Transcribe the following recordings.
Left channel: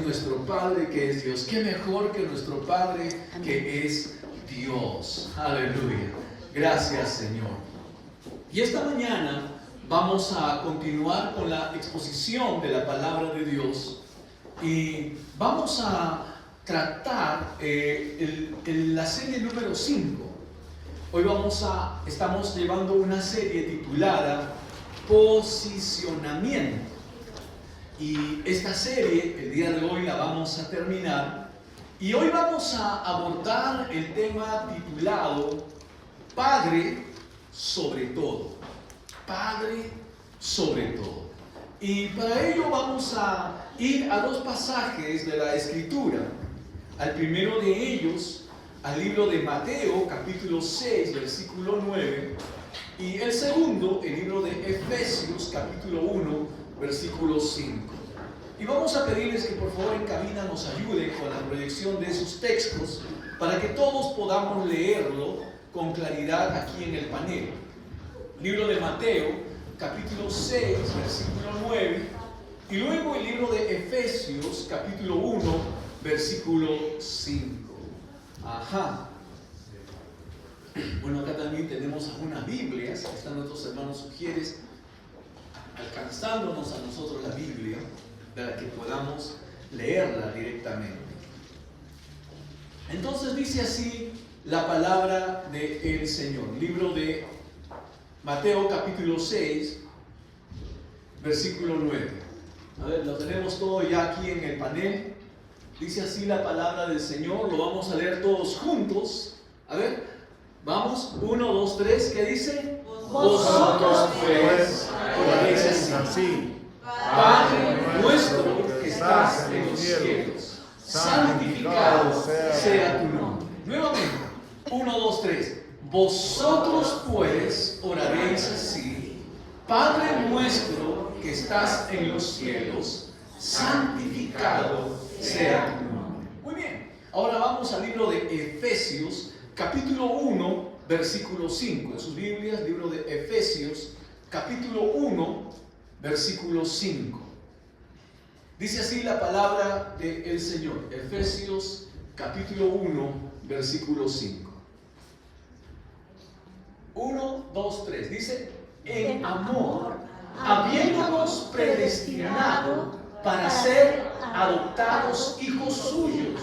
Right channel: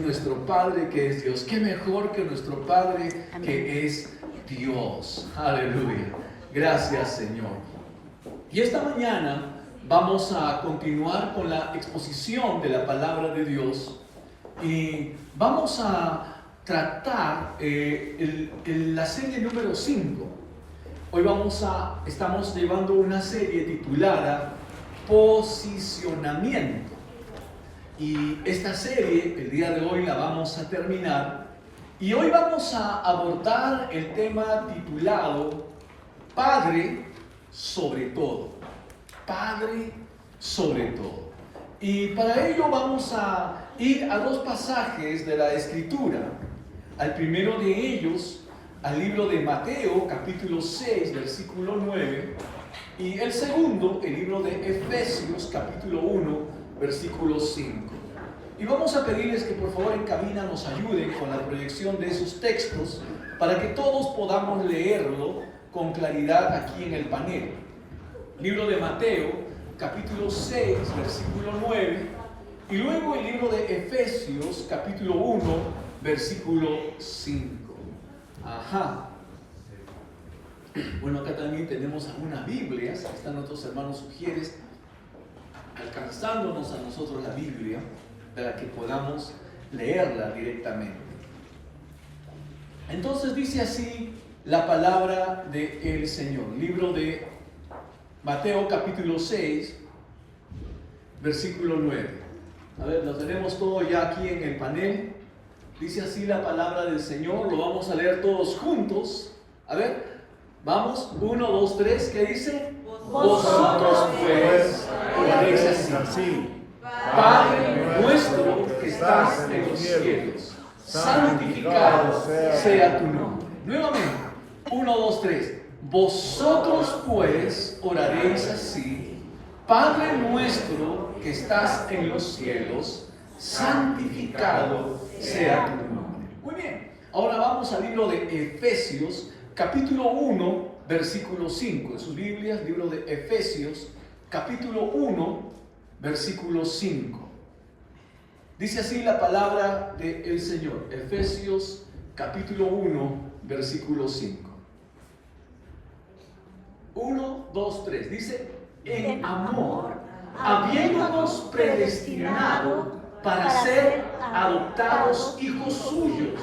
Nuestro Padre que es Dios. Qué mejor que nuestro Padre que es Dios. Aleluya. Gracias, Señor. Y esta mañana vamos a continuar con la exposición de la palabra de Dios y vamos a tratar la serie número 5. Hoy estamos llevando una serie titulada Posicionamiento. Y esta serie, el día de hoy la vamos a terminar. Y hoy vamos a abordar el tema titulado Padre sobre todo. Padre sobre todo. Y para ello vamos a ir a dos pasajes de la Escritura. Al primero de ellos, al libro de Mateo, capítulo 6, versículo 9. Y el segundo, el libro de Efesios, capítulo 1, versículo 5. Y vamos a pedirles que por favor en cabina nos ayuden con la proyección de esos textos para que todos podamos leerlo con claridad aquí en el panel. Libro de Mateo, capítulo 6, versículo 9, y luego el libro de Efesios, capítulo 1, versículo 5. Ajá. Bueno, acá también tenemos algunas Biblias, están nuestros hermanos sugieres alcanzándonos a nosotros la Biblia para que podamos leerla directamente. Entonces dice así la palabra del Señor. Libro de Mateo capítulo 6, versículo 9. A ver, lo tenemos todo ya aquí en el panel. Dice así la palabra del Señor. Lo vamos a leer todos juntos. A ver, vamos, 1, 2, 3. ¿Qué dice? Vosotros pues podéis así. Padre nuestro que estás en los cielos, santificado sea tu nombre. Nuevamente, 1, 2, 3. Vosotros pues oraréis así. Padre nuestro que estás en los cielos, santificado sea tu nombre. Muy bien. Ahora vamos al libro de Efesios, capítulo 1, versículo 5. En sus Biblias, libro de Efesios, capítulo 1, versículo 5. Dice así la palabra del Señor. Efesios, capítulo 1, versículo 5. 1, 2, 3. Dice, en amor, habiéndonos predestinado para ser adoptados hijos suyos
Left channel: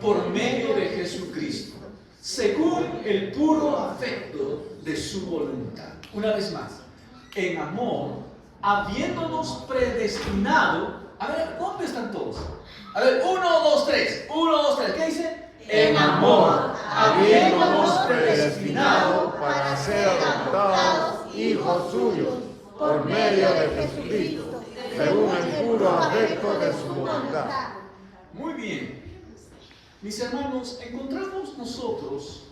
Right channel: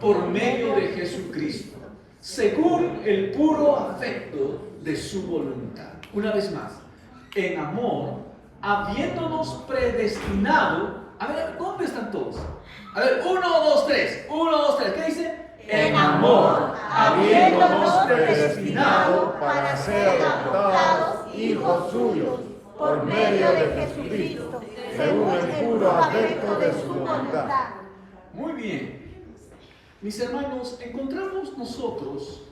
por medio de Jesucristo, según el puro afecto de su voluntad. Una vez más, en amor, habiéndonos predestinado. A ver, ¿dónde están todos? A ver, 1, 2, 3. 1, 2, 3. ¿Qué dice? En amor, habiéndonos predestinado para ser adoptados hijos suyos por medio de Jesucristo, según el puro afecto de su voluntad. Muy bien. Mis hermanos, encontramos nosotros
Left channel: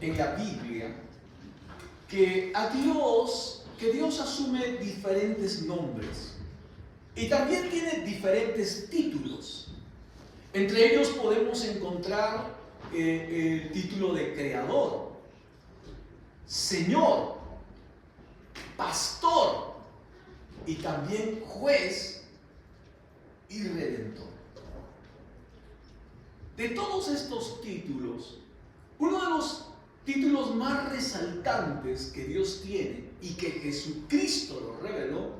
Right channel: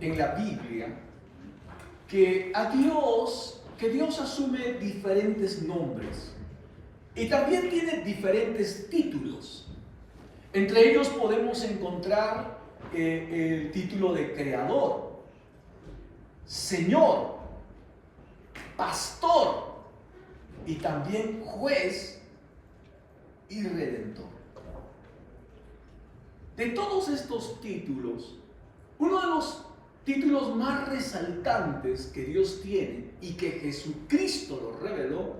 en la Biblia que Dios asume diferentes nombres y también tiene diferentes títulos. Entre ellos podemos encontrar el título de Creador, Señor, Pastor y también Juez y Redentor. De todos estos títulos, uno de los títulos más resaltantes que Dios tiene y que Jesucristo lo reveló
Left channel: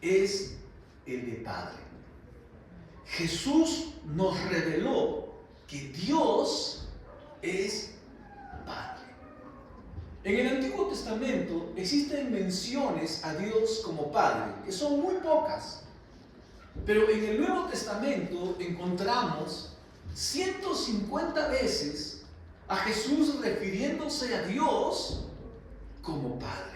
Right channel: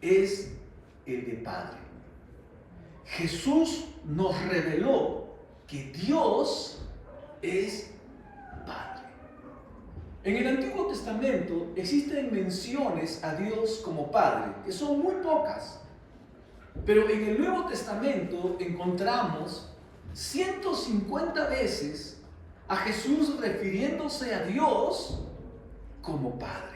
es el de Padre. Jesús nos reveló que Dios es Padre. En el Antiguo Testamento existen menciones a Dios como Padre, que son muy pocas. Pero en el Nuevo Testamento encontramos 150 veces a Jesús refiriéndose a Dios como Padre.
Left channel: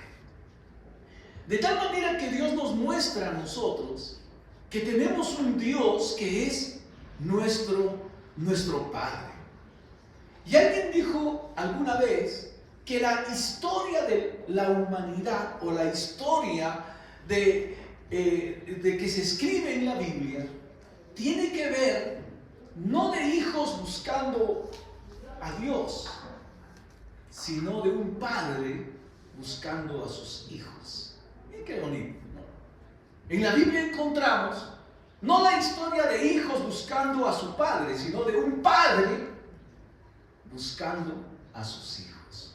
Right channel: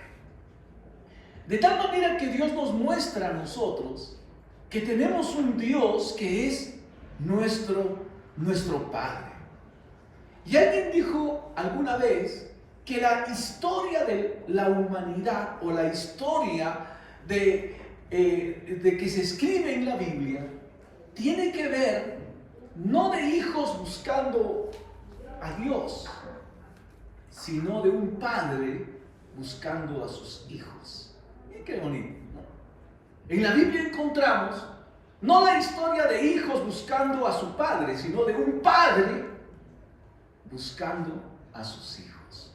De tal manera que Dios nos muestra a nosotros que tenemos un Dios que es nuestro Padre. Y alguien dijo alguna vez que la historia de la humanidad o la historia de que se escribe en la Biblia tiene que ver no de hijos buscando a Dios, sino de un padre buscando a sus hijos. Y qué bonito, ¿no? En la Biblia encontramos No la historia de hijos buscando a su padre, sino de un padre buscando a sus hijos.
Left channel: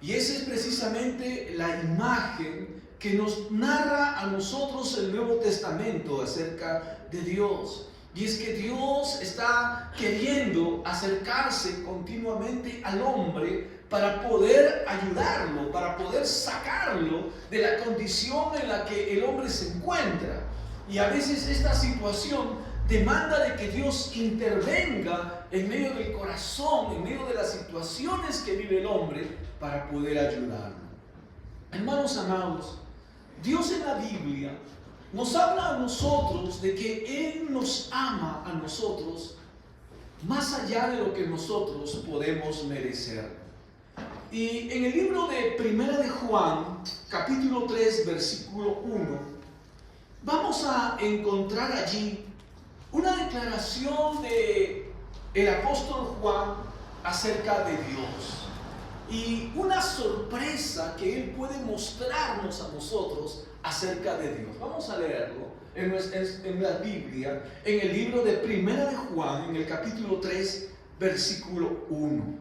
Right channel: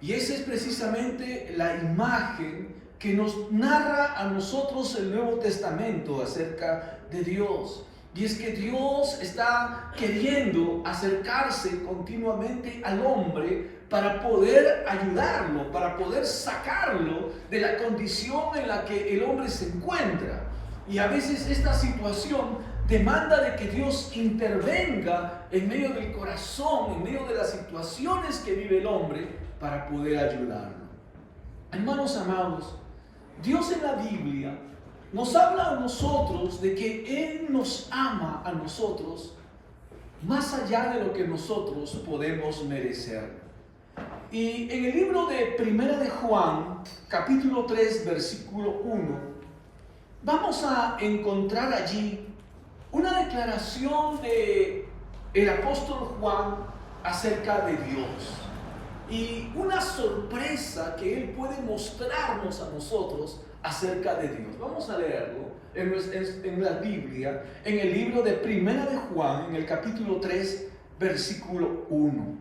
Y esa es precisamente la imagen que nos narra a nosotros el Nuevo Testamento acerca de Dios. Y es que Dios está queriendo acercarse continuamente al hombre para poder ayudarlo, para poder sacarlo de la condición en la que el hombre se encuentra. Y a veces esta situación demanda de que Dios intervenga en medio del corazón, en medio de las situaciones que vive el hombre, para poder ayudarlo. Hermanos amados, Dios en la Biblia nos habla a nosotros de que Él nos ama a nosotros más allá de lo que nosotros podemos merecer. Y en el libro de Primera de Juan, capítulo 3, versículo 1, vamos a encontrar allí una declaración de el apóstol Juan acerca de Dios. Y una sorpresa que Él puede mostrarnos a nosotros acerca de Dios. Vamos a leerlo en la Biblia, en el libro de Primera de Juan, en el capítulo 3, versículo 1.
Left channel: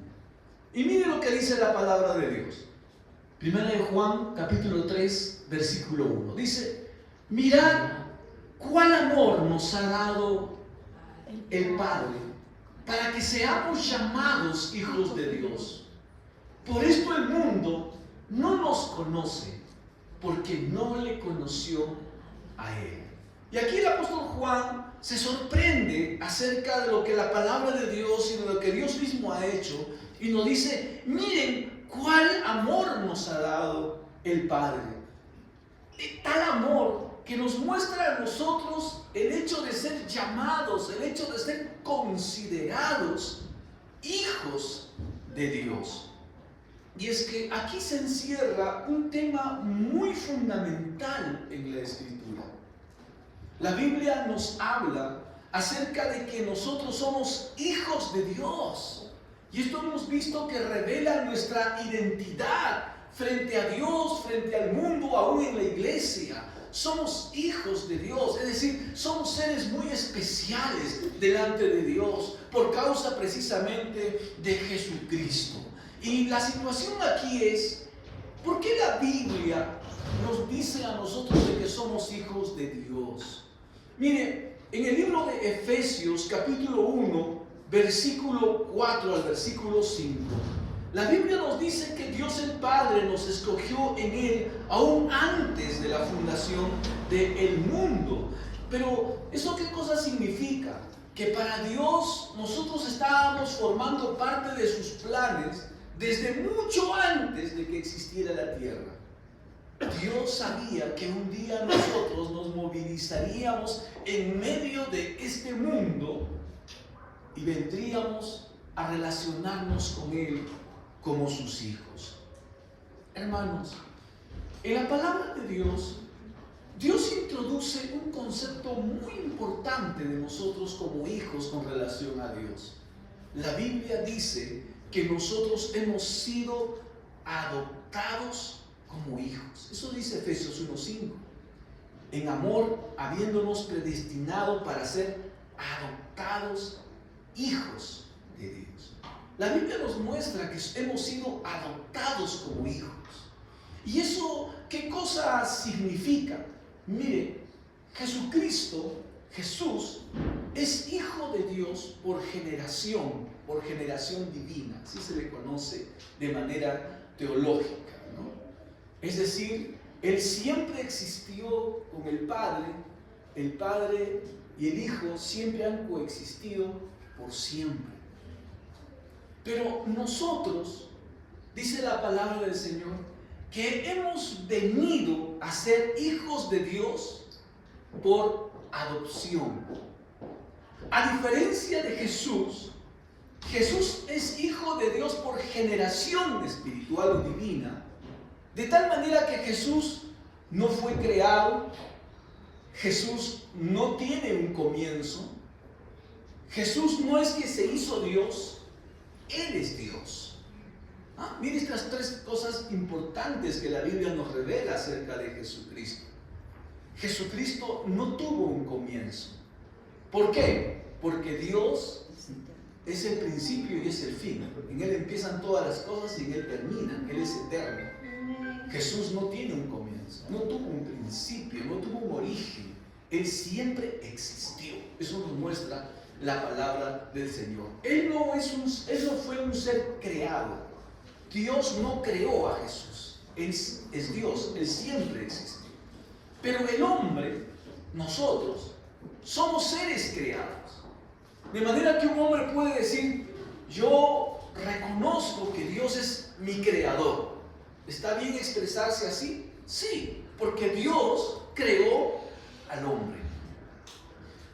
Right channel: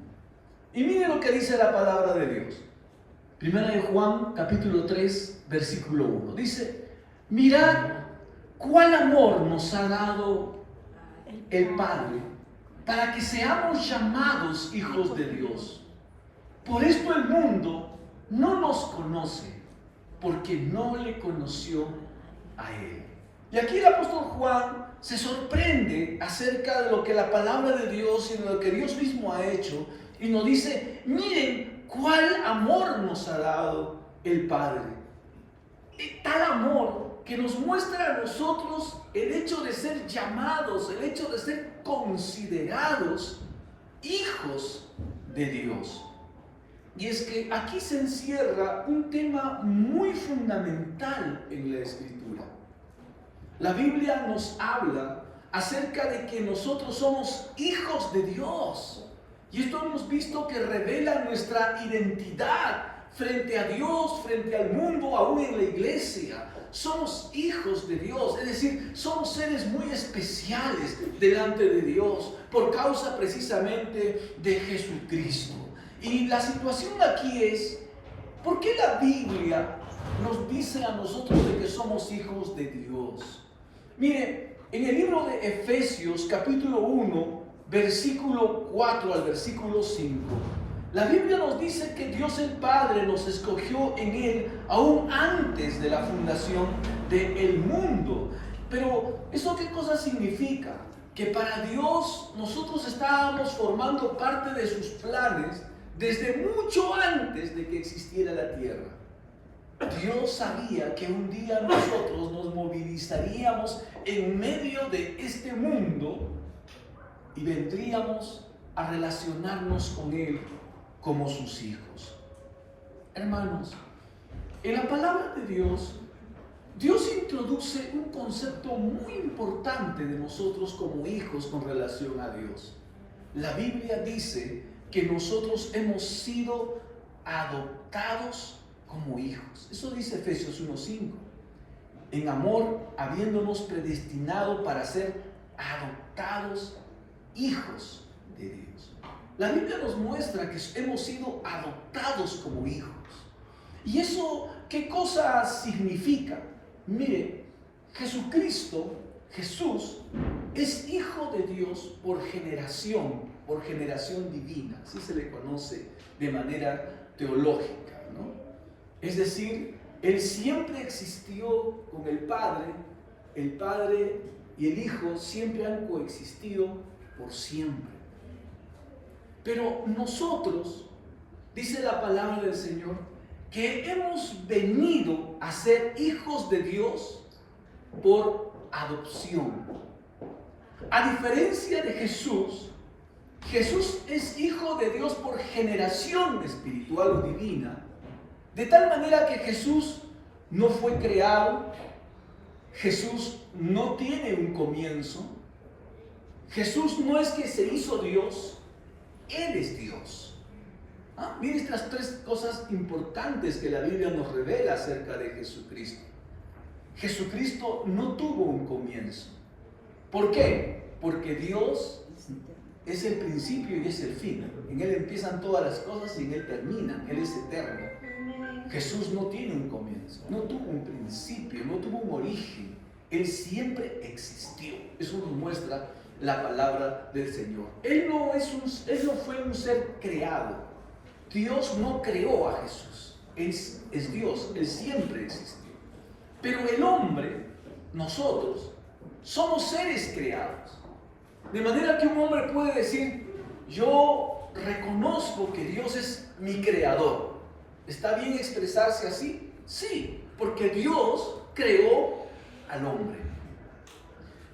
Y miren lo que dice la palabra de Dios. Primera de Juan, capítulo 3, versículo 1. Dice: mirad cuál amor nos ha dado el Padre para que seamos llamados hijos de Dios. Por esto el mundo no nos conoce, porque no le conoció a Él. Y aquí el apóstol Juan se sorprende acerca de lo que la palabra de Dios y de lo que Dios mismo ha hecho, y nos dice: miren cuál amor nos ha dado el Padre. Tal amor que nos muestra a nosotros el hecho de ser llamados, el hecho de ser considerados hijos de Dios. Y es que aquí se encierra un tema muy fundamental en la Escritura. La Biblia nos habla acerca de que nosotros somos hijos de Dios. Y esto hemos visto que revela nuestra identidad frente a Dios, frente al mundo, aún en la iglesia. Somos hijos de Dios, es decir, somos seres muy especiales delante de Dios por causa precisamente de Jesucristo. Y la situación aquí es: ¿por qué la Biblia nos dice a nosotros de que somos hijos de Dios? Mire, en el libro de Efesios, capítulo 1, versículo 4 al versículo 5, la Biblia nos dice que Dios el Padre nos escogió en Él aún antes de la fundación del mundo. Pero ¿eso qué cosa significa? Que para Dios nosotros estábamos formando parte de sus planes desde mucho antes de que existiera la tierra. Dios sabía que un día nosotros nos movilizaríamos en medio de este mundo y vendríamos a relacionarnos con Él como sus hijos. Hermanos, en la palabra de Dios, Dios introduce un concepto muy importante de nosotros como hijos con relación a Dios. La Biblia dice que nosotros hemos sido adoptados como hijos. Eso dice Efesios 1:5. En amor, habiéndonos predestinado para ser adoptados hijos de Dios. La Biblia nos muestra que hemos sido adoptados como hijos. ¿Y eso qué cosa significa? Mire, Jesús es hijo de Dios por generación divina, así se le conoce de manera teológica, ¿no? Es decir, Él siempre existió con el Padre y el Hijo siempre han coexistido por siempre. Pero nosotros, dice la palabra del Señor, que hemos venido a ser hijos de Dios por adopción. A diferencia de Jesús, Jesús es hijo de Dios por generación espiritual o divina, de tal manera que Jesús no fue creado, Jesús no tiene un comienzo, Jesús no es que se hizo Dios, Él es Dios. Miren estas tres cosas importantes que la Biblia nos revela acerca de Jesucristo. Jesucristo no tuvo un comienzo. ¿Por qué? Porque Dios es el principio y es el fin. En Él empiezan todas las cosas y en Él terminan. Él es eterno. Jesús no tiene un comienzo, no tuvo un principio, no tuvo un origen. Él siempre existió. Eso nos muestra la palabra del Señor. Él no fue un ser creado. Dios no creó a Jesús. Él es Dios. Él siempre existió. Pero el hombre, nosotros, somos seres creados. De manera que un hombre puede decir, yo reconozco que Dios es mi creador. ¿Está bien expresarse así? Sí, porque Dios creó al hombre.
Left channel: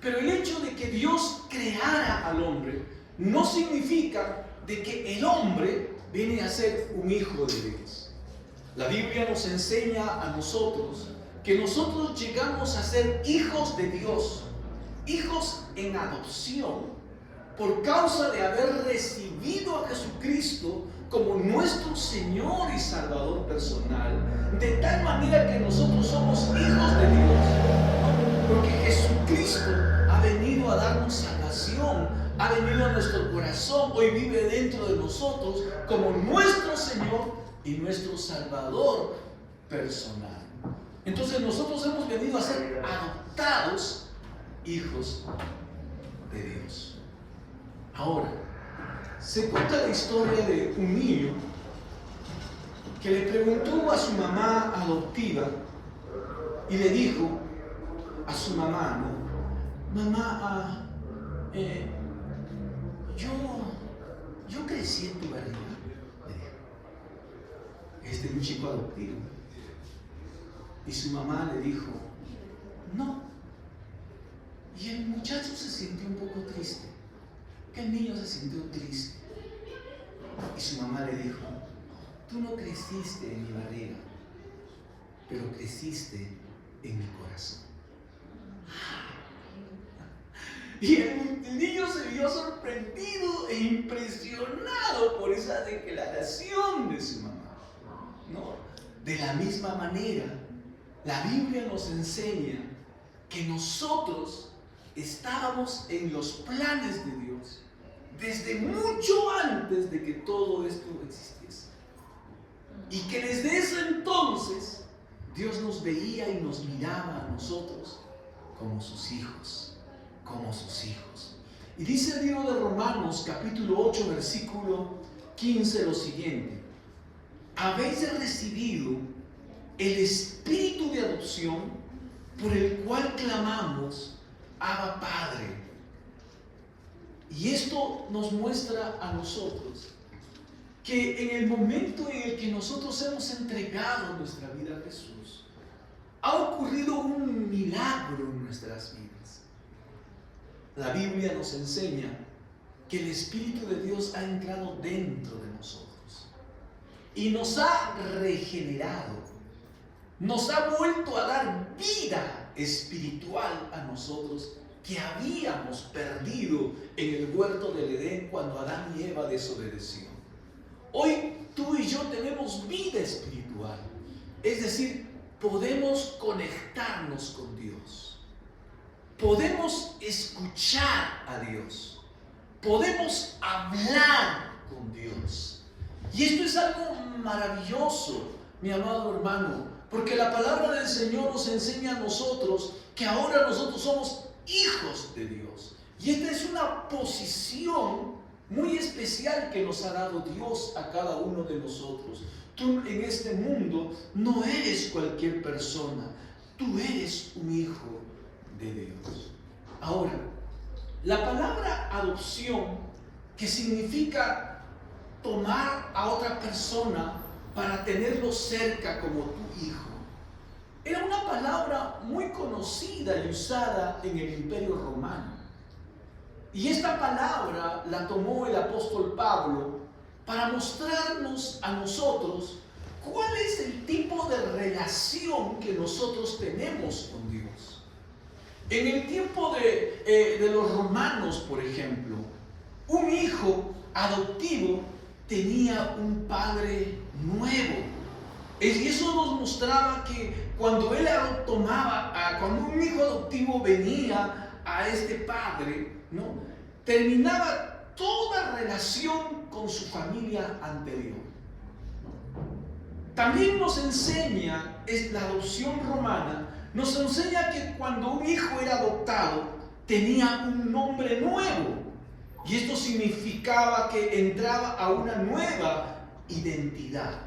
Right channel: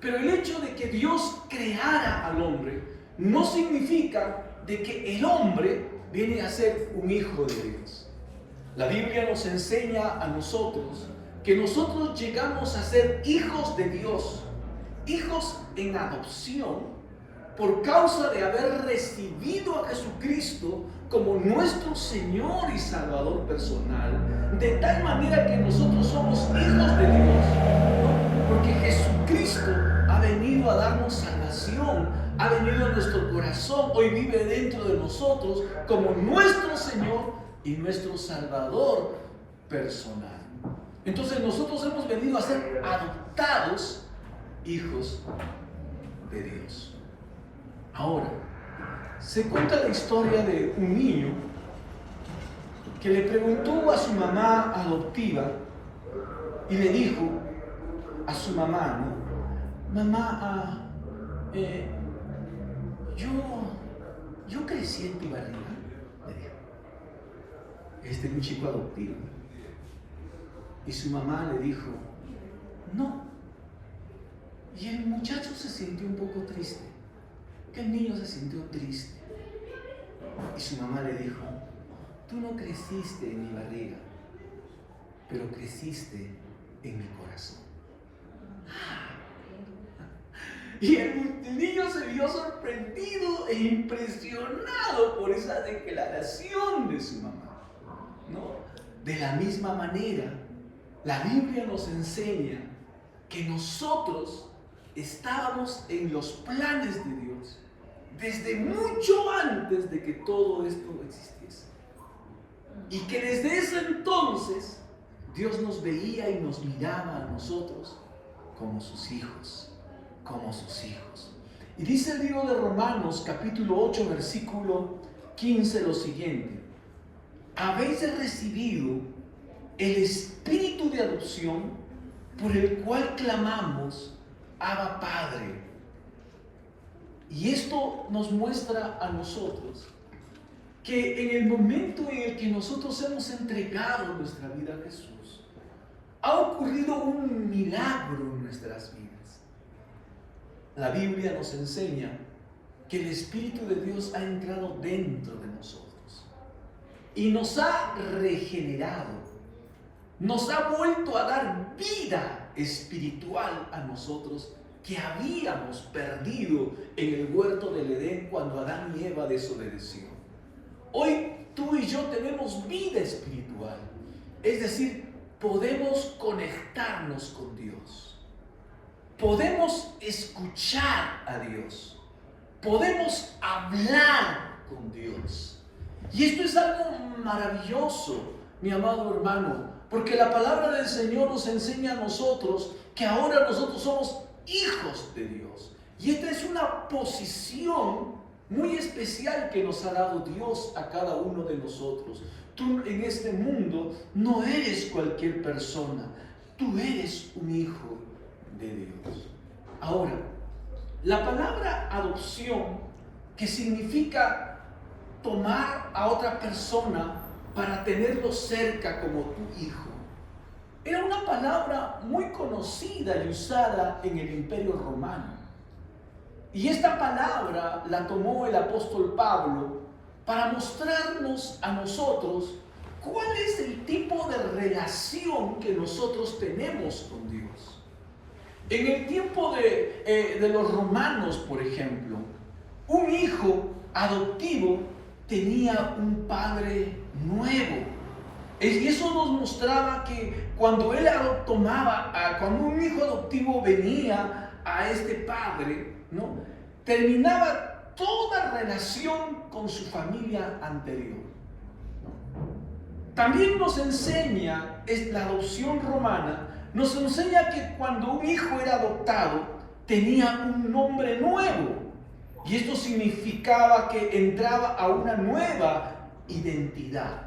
Pero el hecho de que Dios creara al hombre no significa de que el hombre viene a ser un hijo de Dios. La Biblia nos enseña a nosotros que nosotros llegamos a ser hijos de Dios, hijos en adopción, por causa de haber recibido a Jesucristo como nuestro Señor y Salvador personal, de tal manera que nosotros somos hijos de Dios, porque Jesucristo ha venido a darnos salvación, ha venido a nuestro corazón, hoy vive dentro de nosotros como nuestro Señor y nuestro Salvador personal. Entonces nosotros hemos venido a ser adoptados hijos de Dios. Ahora, se cuenta la historia de un niño que le preguntó a su mamá adoptiva y le dijo a su mamá, ¿no? Mamá, yo crecí en tu barriga. Este es un chico adoptivo. Y su mamá le dijo, no. Y el muchacho se sintió un poco triste. Que el niño se sintió triste. Y su mamá le dijo, tú no creciste en mi barriga, pero creciste en mi corazón. Y el niño se vio sorprendido e impresionado por esa declaración de su mamá, ¿no? De la misma manera, la Biblia nos enseña que nosotros estábamos en los planes de Dios desde mucho antes de que todo esto existiese. Y que desde ese entonces Dios nos veía y nos miraba a nosotros como sus hijos, como sus hijos. Y dice el libro de Romanos, capítulo 8, versículo 15, lo siguiente: habéis recibido el espíritu de adopción por el cual clamamos, Abba Padre. Y esto nos muestra a nosotros que en el momento en el que nosotros hemos entregado nuestra vida a Jesús, ha ocurrido un milagro en nuestras vidas. La Biblia nos enseña que el Espíritu de Dios ha entrado dentro de nosotros y nos ha regenerado, nos ha vuelto a dar vida espiritual a nosotros que habíamos perdido en el huerto del Edén cuando Adán y Eva desobedecieron. Hoy tú y yo tenemos vida espiritual, es decir, podemos conectarnos con Dios, podemos escuchar a Dios, podemos hablar con Dios. Y esto es algo maravilloso, mi amado hermano, porque la palabra del Señor nos enseña a nosotros que ahora nosotros somos hijos de Dios. Y esta es una posición muy especial que nos ha dado Dios a cada uno de nosotros. Tú en este mundo no eres cualquier persona, tú eres un hijo de Dios. Ahora, la palabra adopción, que significa tomar a otra persona para tenerlo cerca como tu hijo, era una palabra muy conocida y usada en el Imperio Romano. Y esta palabra la tomó el apóstol Pablo para mostrarnos a nosotros cuál es el tipo de relación que nosotros tenemos con Dios. En el tiempo de los romanos, por ejemplo, un hijo adoptivo tenía un padre nuevo. Y eso nos mostraba que cuando él cuando un hijo adoptivo venía a este padre, ¿no?, terminaba toda relación con su familia anterior. También nos enseña, es la adopción romana, nos enseña que cuando un hijo era adoptado, tenía un nombre nuevo. Y esto significaba que entraba a una nueva identidad.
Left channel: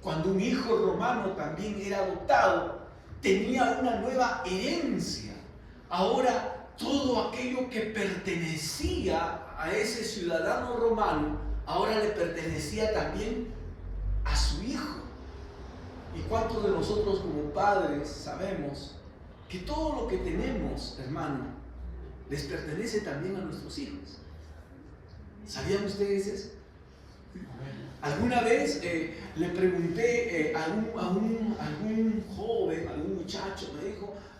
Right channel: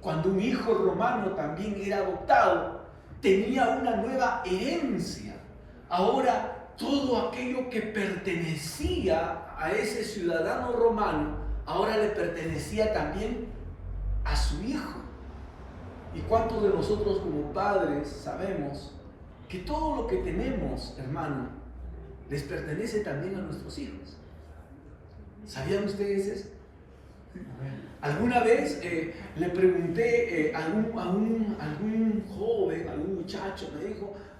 Cuando un hijo romano también era adoptado, tenía una nueva herencia. Ahora, todo aquello que pertenecía a ese ciudadano romano, ahora le pertenecía también a su hijo. ¿Y cuántos de nosotros como padres sabemos que todo lo que tenemos, hermano, les pertenece también a nuestros hijos? ¿Sabían ustedes eso? Alguna vez le pregunté a algún joven, a algún muchacho,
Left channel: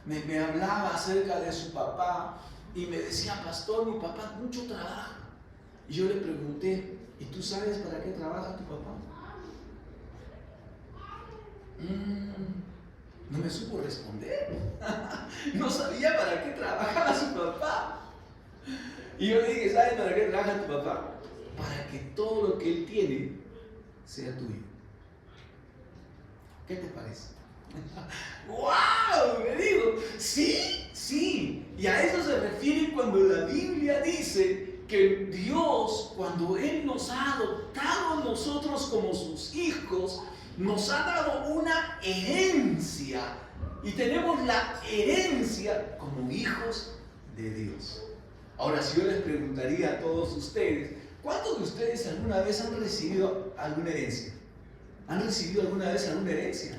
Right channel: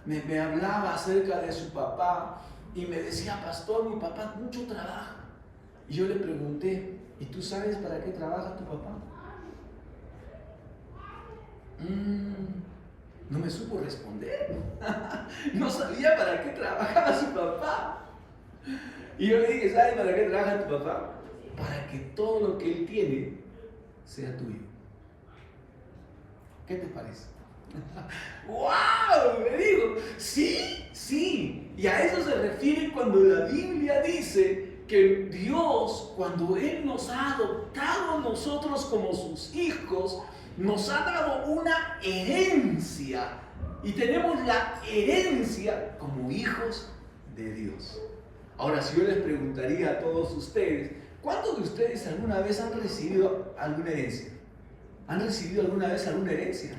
me hablaba acerca de su papá y me decía: pastor, mi papá mucho trabaja. Y yo le pregunté: ¿y tú sabes para qué trabaja tu papá? No me supo responder. No sabía para qué trabajaba su papá. Y yo le dije: ¿sabes para qué trabaja tu papá? Para que todo lo que él tiene sea tuyo. ¿Qué te parece? ¡Wow! Me digo, sí. Y a eso se refiere cuando la Biblia dice que Dios, cuando Él nos ha adoptado a nosotros como sus hijos, nos ha dado una herencia. Y tenemos la herencia como hijos de Dios. Ahora, si yo les preguntaría a todos ustedes, ¿cuántos de ustedes alguna vez han recibido alguna herencia? ¿Han recibido alguna vez alguna herencia?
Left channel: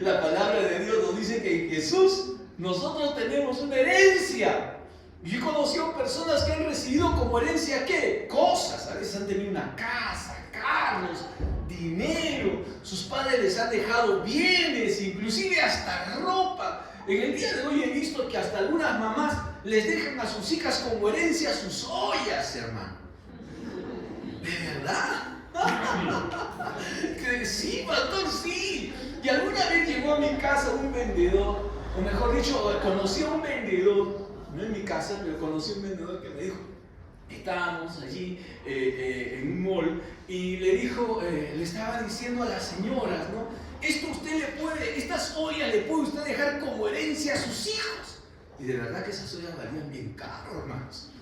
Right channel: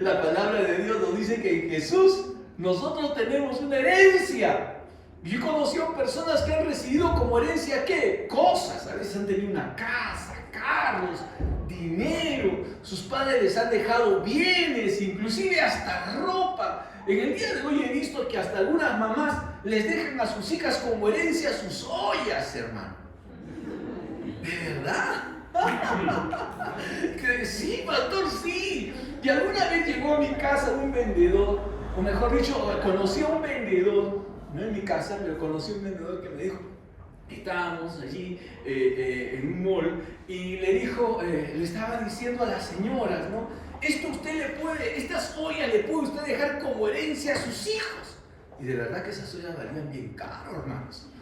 La palabra de Dios nos dice que en Jesús nosotros tenemos una herencia. Yo he conocido personas que han recibido como herencia, ¿qué? Cosas. A veces han tenido una casa, carros, dinero. Sus padres les han dejado bienes, inclusive hasta ropa. En el día de hoy he visto que hasta algunas mamás les dejan a sus hijas como herencia sus ollas, hermano. ¿De verdad? Que sí, pastor, sí. Y alguna vez llegó a mi casa un vendedor, o mejor dicho, conocí a un vendedor, no en mi casa, pero conocí a un vendedor que me dijo, estábamos allí en un mall, y le dijo, le estaba diciendo a las señoras, ¿no? Estas ollas le puede usted dejar como herencia a sus hijos. Y de verdad que esas ollas valían bien caro, hermanos.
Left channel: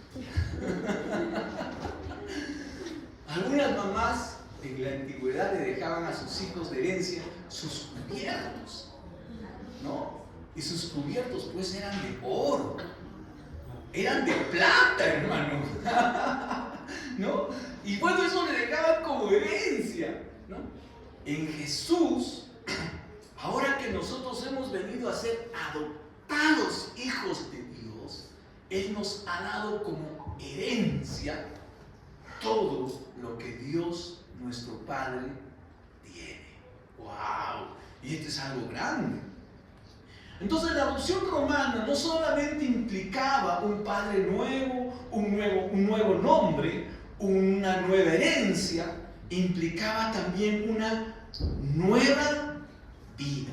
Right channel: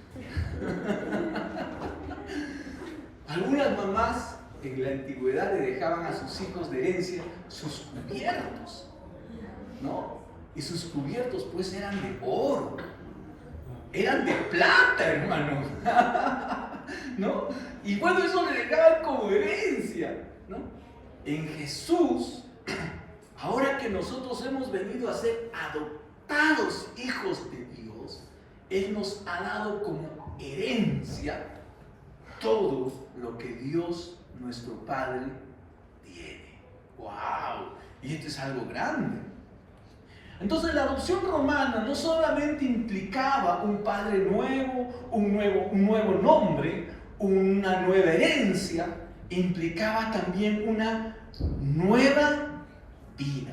Algunas mamás en la antigüedad le dejaban a sus hijos de herencia sus cubiertos, ¿no? Y sus cubiertos pues eran de oro, eran de plata, hermano, ¿no? Y bueno, eso le dejaban como herencia, ¿no? En Jesús, ahora que nosotros hemos venido a ser adoptados hijos de Dios, Él nos ha dado como herencia todo lo que Dios, nuestro Padre, tiene. ¡Wow! Y esto es algo grande. Entonces la adopción romana no solamente implicaba un padre nuevo, un nuevo nombre, una nueva herencia, implicaba también una nueva vida.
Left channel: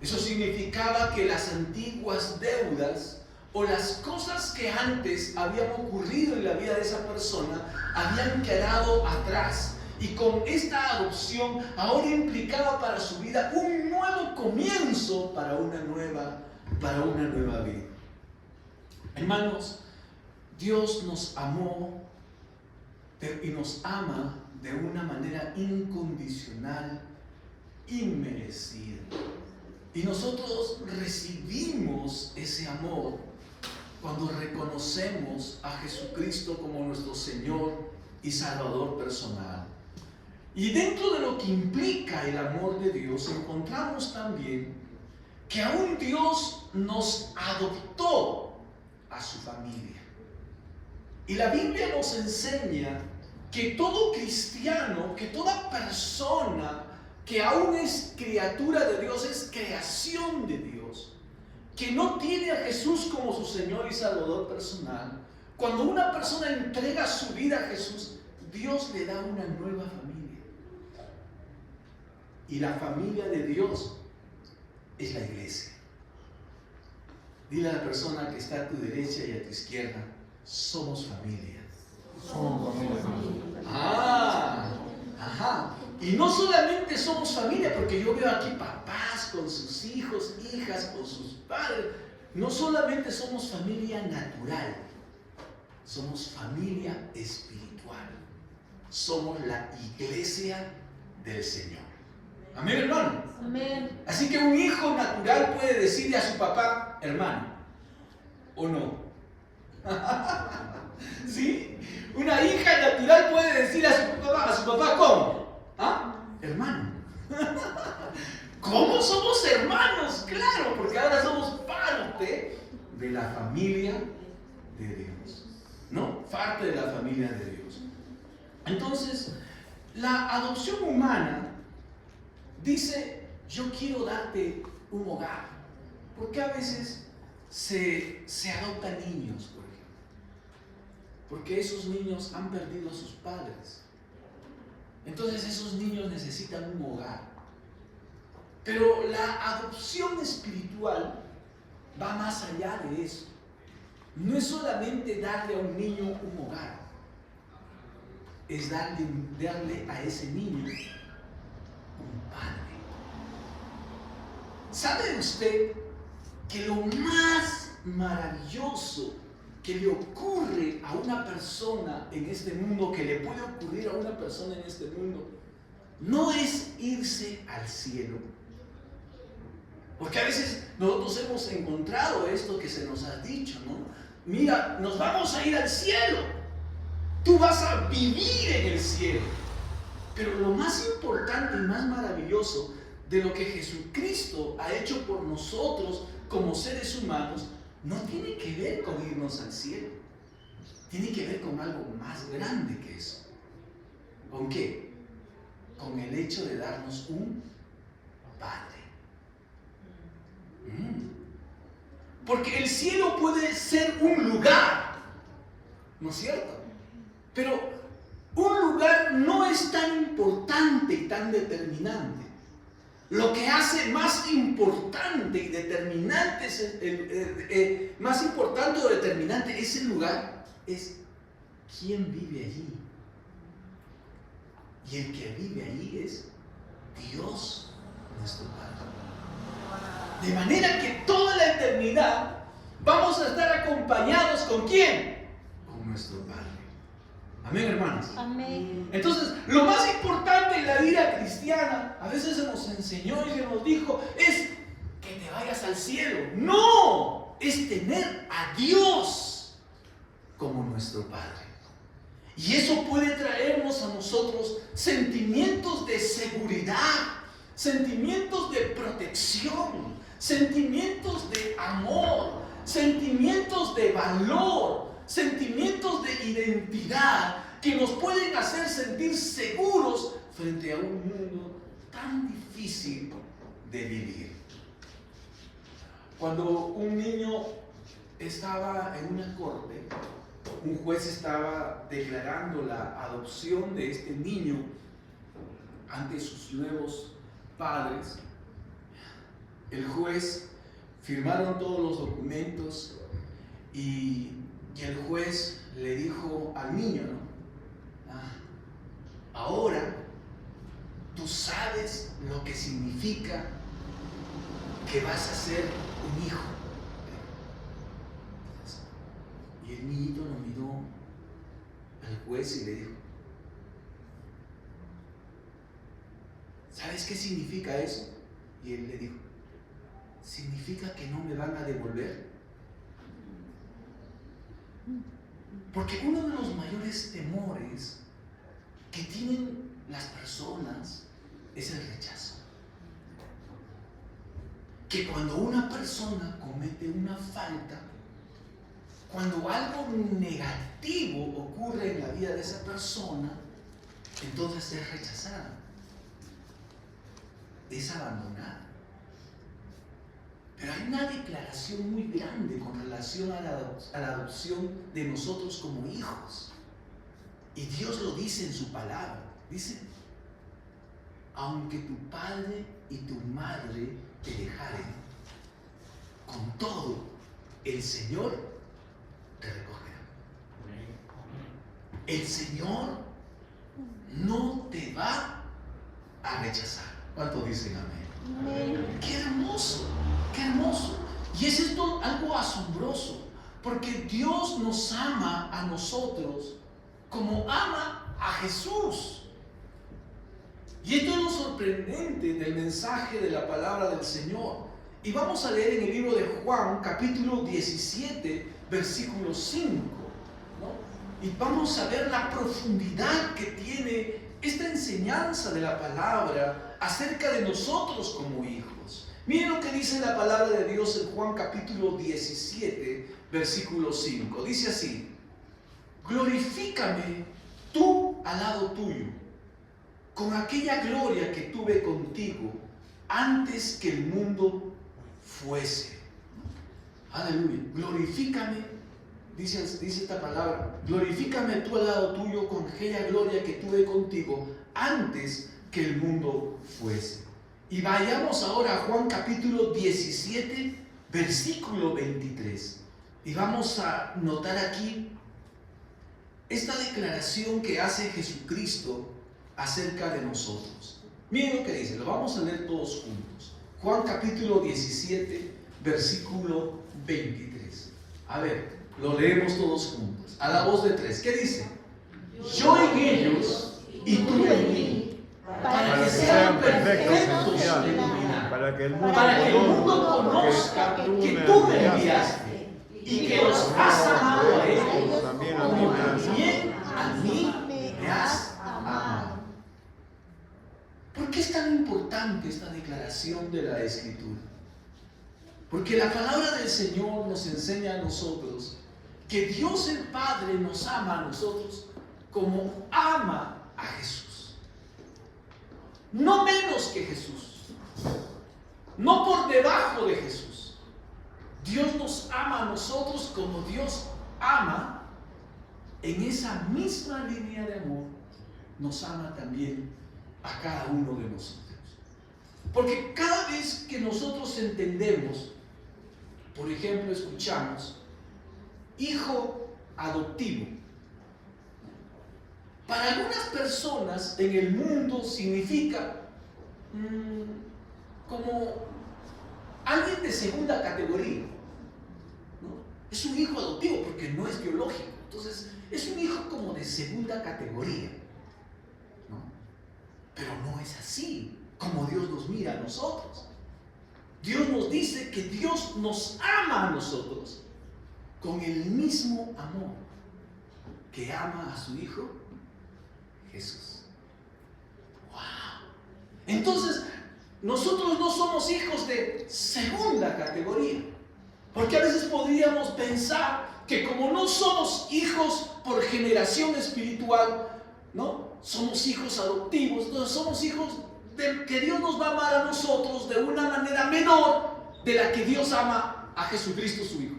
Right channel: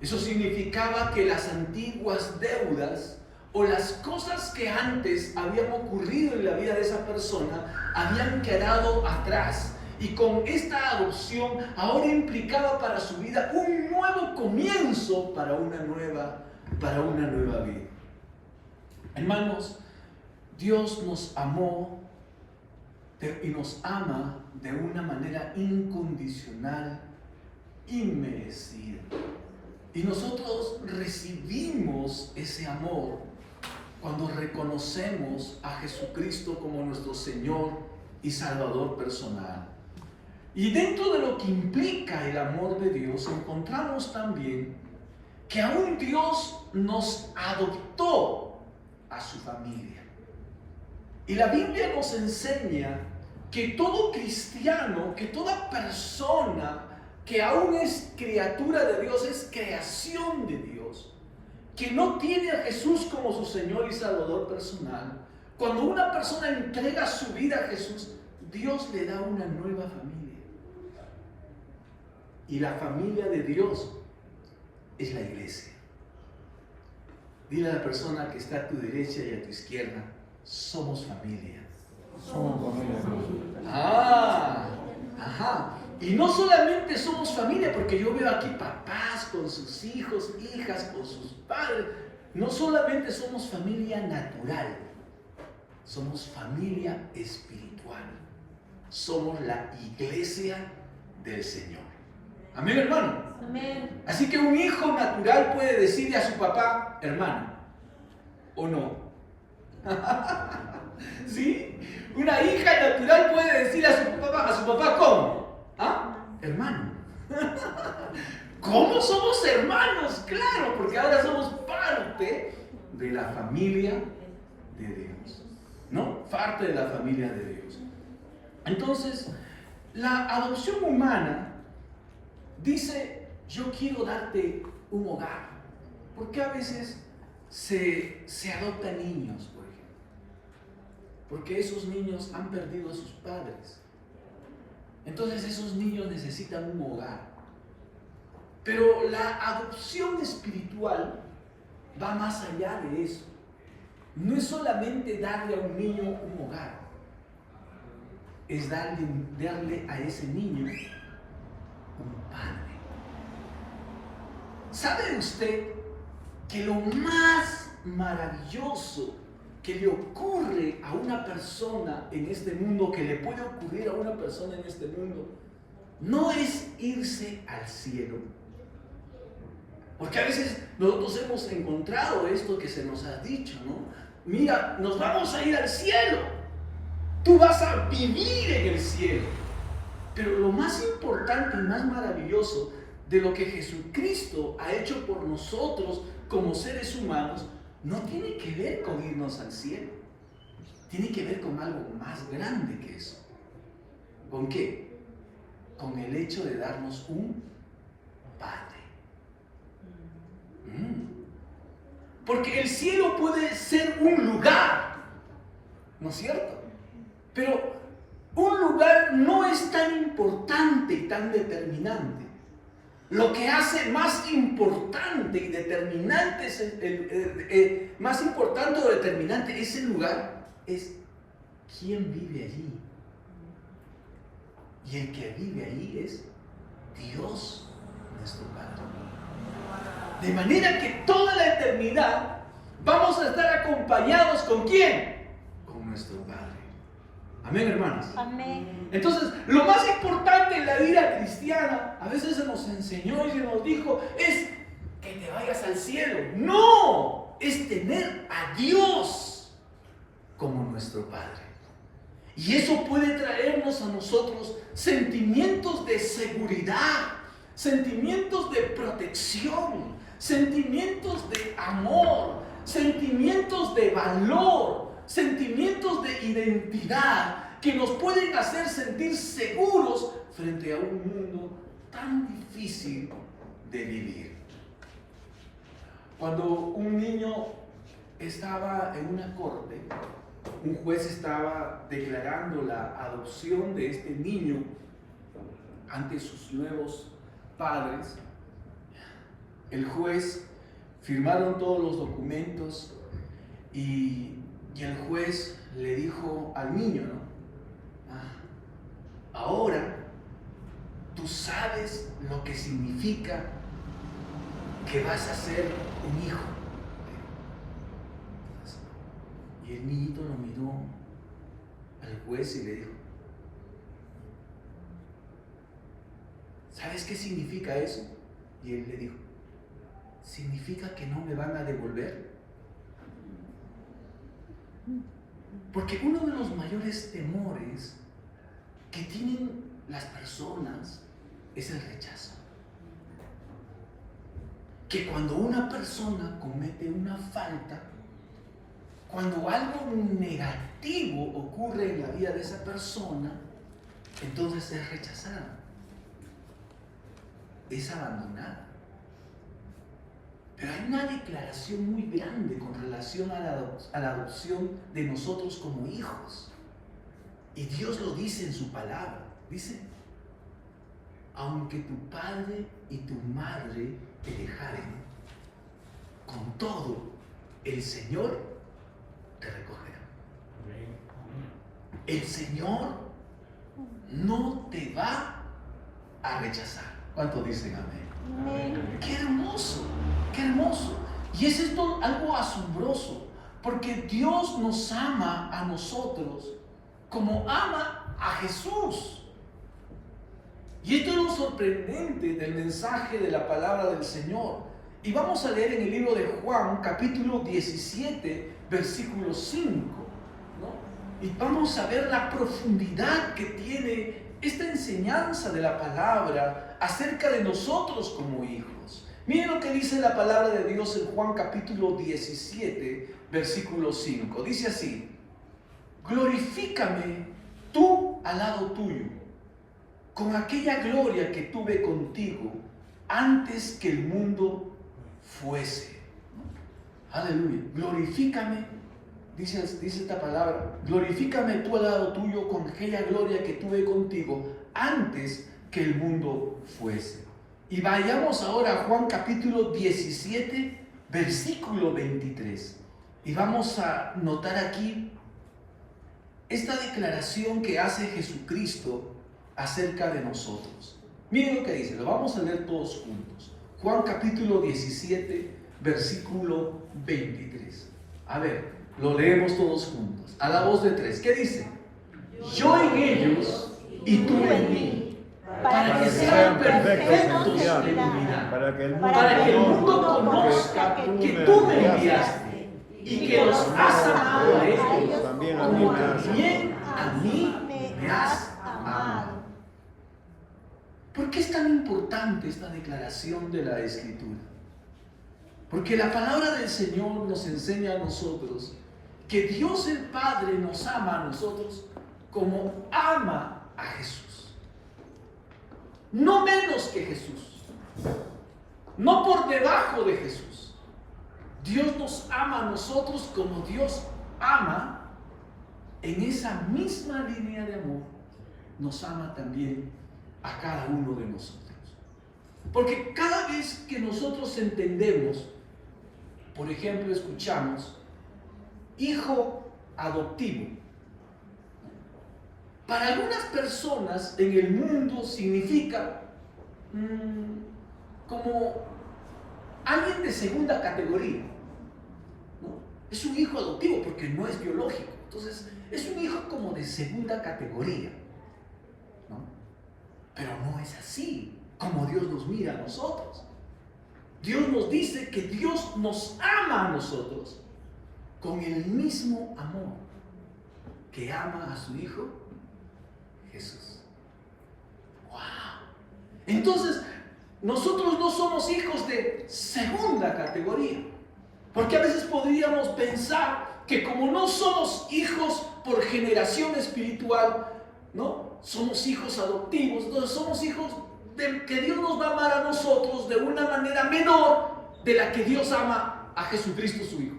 Eso significaba que las antiguas deudas o las cosas que antes habían ocurrido en la vida de esa persona habían quedado atrás. Y con esta adopción ahora implicaba para su vida un nuevo comienzo para una nueva vida. Hermanos, Dios nos amó y nos ama de una manera incondicional, inmerecida. Y nosotros recibimos ese amor cuando reconocemos a Jesucristo como nuestro Señor y Salvador personal. Y dentro de lo que implica el amor de Dios, encontramos también que aún Dios nos adoptó a su familia. Y la Biblia nos enseña que todo cristiano, que toda persona que aún es criatura de Dios, es creación de Dios, que no tiene a Jesús como su Señor y Salvador personal, cuando una persona entrega su vida a Jesús, Dios le da una nueva familia. Y la familia de Dios es la iglesia. Dile a la persona que está a tu derecha y a tu izquierda, somos familia. Somos familia. Ajá. Y no solamente somos familia, porque yo veo aquí papás con sus hijos, hijas con sus padres. No solamente somos familia natural, somos familia espiritual. Somos la iglesia del Señor. Amén, hermano. Amén. Así que un hijo natural puede decirle a su papá, hermano, ¿o no? ¿Sí? Una hija natural puede decir a su papá, ¿cómo? ¿Ah? Hermano. ¿Cómo somos hermanos? Claro, porque ahora somos parte de la familia de Dios. ¿No? Parte de la familia de Dios. Entonces, la adopción humana dice, yo quiero darte un hogar. Porque a veces se adoptan niños, por ejemplo. Porque esos niños han perdido a sus padres. Entonces esos niños necesitan un hogar. Pero la adopción espiritual va más allá de eso. No es solamente darle a un niño un hogar. Es darle a ese niño un padre. ¿Sabe usted que lo más maravilloso que le ocurre a una persona en este mundo, que le puede ocurrir a una persona en este mundo, no es irse al cielo? Porque a veces nosotros hemos encontrado esto que se nos ha dicho, ¿no? Mira, nos vamos a ir al cielo. Tú vas a vivir en el cielo. Pero lo más importante y más maravilloso de lo que Jesucristo ha hecho por nosotros como seres humanos no tiene que ver con irnos al cielo. Tiene que ver con algo más grande que eso. ¿Con qué? Con el hecho de darnos un Padre. Porque el cielo puede ser un lugar, ¿no es cierto? Pero un lugar no es tan importante y tan determinante. Lo que hace más importante y determinante más importante o determinante ese lugar es quién vive allí. Y el que vive allí es Dios, nuestro Padre. De manera que toda la eternidad vamos a estar acompañados ¿con quién? Con nuestro Padre. Amén, hermanos. Amén. Entonces, lo más importante en la vida cristiana, a veces se nos enseñó y se nos dijo, es que te vayas al cielo. No, es tener a Dios como nuestro Padre. Y eso puede traernos a nosotros sentimientos de seguridad, sentimientos de protección, sentimientos de amor, sentimientos de valor, sentimientos de identidad que nos pueden hacer sentir seguros frente a un mundo tan difícil de vivir. Cuando un niño estaba en una corte, un juez estaba declarando la adopción de este niño ante sus nuevos padres. El juez firmaron todos los documentos y el juez le dijo al niño, ¿no? Ahora tú sabes lo que significa que vas a ser un hijo. Y el niñito lo miró al juez y le dijo, ¿sabes qué significa eso? Y él le dijo, significa que no me van a devolver. Porque uno de los mayores temores que tienen las personas es el rechazo. Que cuando una persona comete una falta, cuando algo negativo ocurre en la vida de esa persona, entonces es rechazada, es abandonada. Pero hay una declaración muy grande con relación a la adopción de nosotros como hijos. Y Dios lo dice en su palabra. Dice, aunque tu padre y tu madre te dejaren, con todo, el Señor te recogerá. El Señor no te va a rechazar. ¿Cuántos dicen amén? ¡Qué hermoso! ¡Qué hermoso! Y es esto algo asombroso, porque Dios nos ama a nosotros como ama a Jesús. Y esto es lo sorprendente del mensaje de la palabra del Señor. Y vamos a leer en el libro de Juan, capítulo 17, versículo 5, ¿no? Y vamos a ver la profundidad que tiene esta enseñanza de la palabra acerca de nosotros como hijos. Miren lo que dice la palabra de Dios en Juan capítulo 17, versículo 5. Dice así: glorifícame tú al lado tuyo, con aquella gloria que tuve contigo antes que el mundo fuese. Aleluya. Glorifícame, dice esta palabra, glorifícame tú al lado tuyo con aquella gloria que tuve contigo antes que el mundo fuese. Y vayamos ahora a Juan capítulo 17, versículo 23. Y vamos a notar aquí esta declaración que hace Jesucristo acerca de nosotros. Miren lo que dice, lo vamos a leer todos juntos. Juan capítulo 17, versículo 23. A ver, lo leemos todos juntos, a la voz de tres. ¿Qué dice? Yo en ellos y tú en mí, para que sean perfectos en unidad, para que el mundo conozca que tú me enviaste y que los has amado a ellos como también a mí me has amado. ¿Por qué es tan importante esta declaración de la Escritura? Porque la palabra del Señor nos enseña a nosotros que Dios el Padre nos ama a nosotros como ama a Jesús. No menos que Jesús, no por debajo de Jesús. Dios nos ama a nosotros como Dios ama. En esa misma línea de amor nos ama también a cada uno de nosotros. Porque cada vez que nosotros entendemos, por ejemplo, escuchamos hijo adoptivo, para algunas personas en el mundo significa como alguien de segunda categoría, ¿no? Es un hijo adoptivo porque no es biológico, entonces es un hijo como de segunda categoría, ¿no? Pero no es así como Dios nos mira a nosotros. Dios nos dice que Dios nos ama a nosotros con el mismo amor que ama a su Hijo Jesús. ¡Wow! Entonces, nosotros no somos hijos de segunda categoría, porque a veces podríamos pensar que como no somos hijos por generación espiritual, ¿no? Somos hijos adoptivos, no somos hijos que Dios nos va a amar a nosotros de una manera menor de la que Dios ama a Jesucristo su Hijo.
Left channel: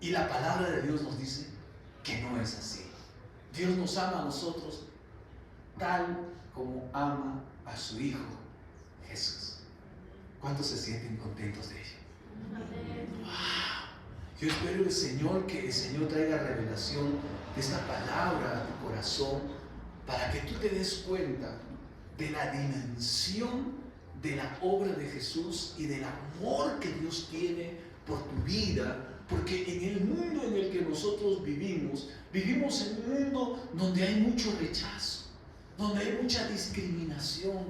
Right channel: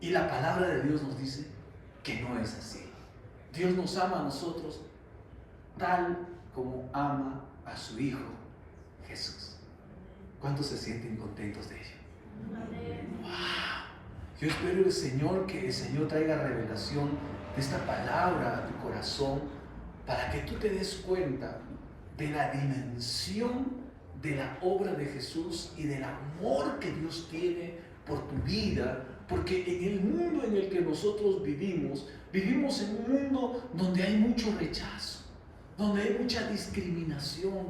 Y la palabra de Dios nos dice que no es así. Dios nos ama a nosotros tal como ama a su Hijo Jesús. ¿Cuántos se sienten contentos de ello? ¡Wow! Yo espero que el Señor traiga revelación de esta palabra a tu corazón para que tú te des cuenta de la dimensión de la obra de Jesús y del amor que Dios tiene por tu vida, porque en el mundo en el que nosotros vivimos en un mundo donde hay mucho rechazo, donde hay mucha discriminación,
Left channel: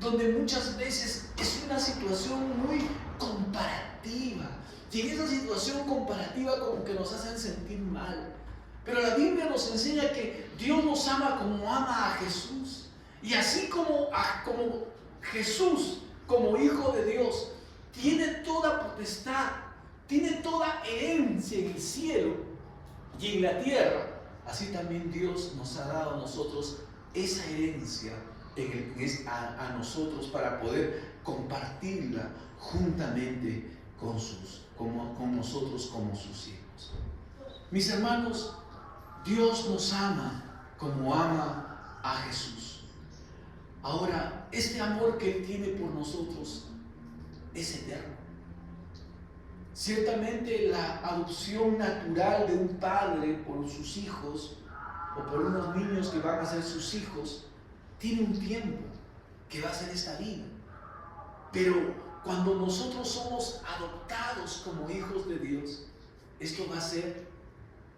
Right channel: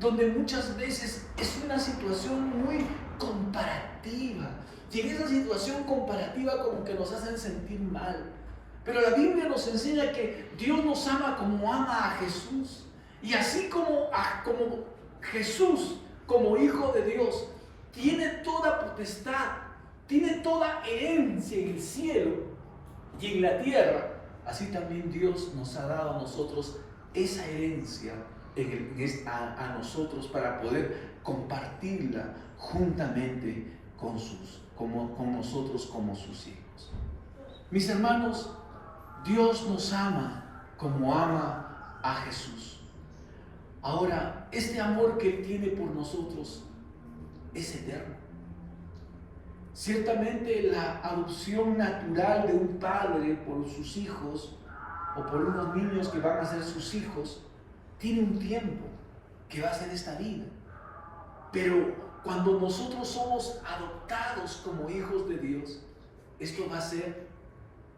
donde muchas veces es una situación muy comparativa, y en esa situación comparativa como que nos hacen sentir mal. Pero la Biblia nos enseña que Dios nos ama como ama a Jesús. Y así como Jesús, como Hijo de Dios, tiene toda potestad, tiene toda herencia en el cielo y en la tierra, así también Dios nos ha dado a nosotros esa herencia a nosotros para poder compartirla juntamente con nosotros como sus hijos. Mis hermanos, Dios nos ama como ama a Jesús. Ahora, este amor que Él tiene por nosotros es eterno. Ciertamente la adopción natural de un padre por sus hijos o por unos niños que van a ser sus hijos tiene un tiempo que va a ser esta vida. Pero cuando nosotros somos adoptados como hijos de Dios, esto va a ser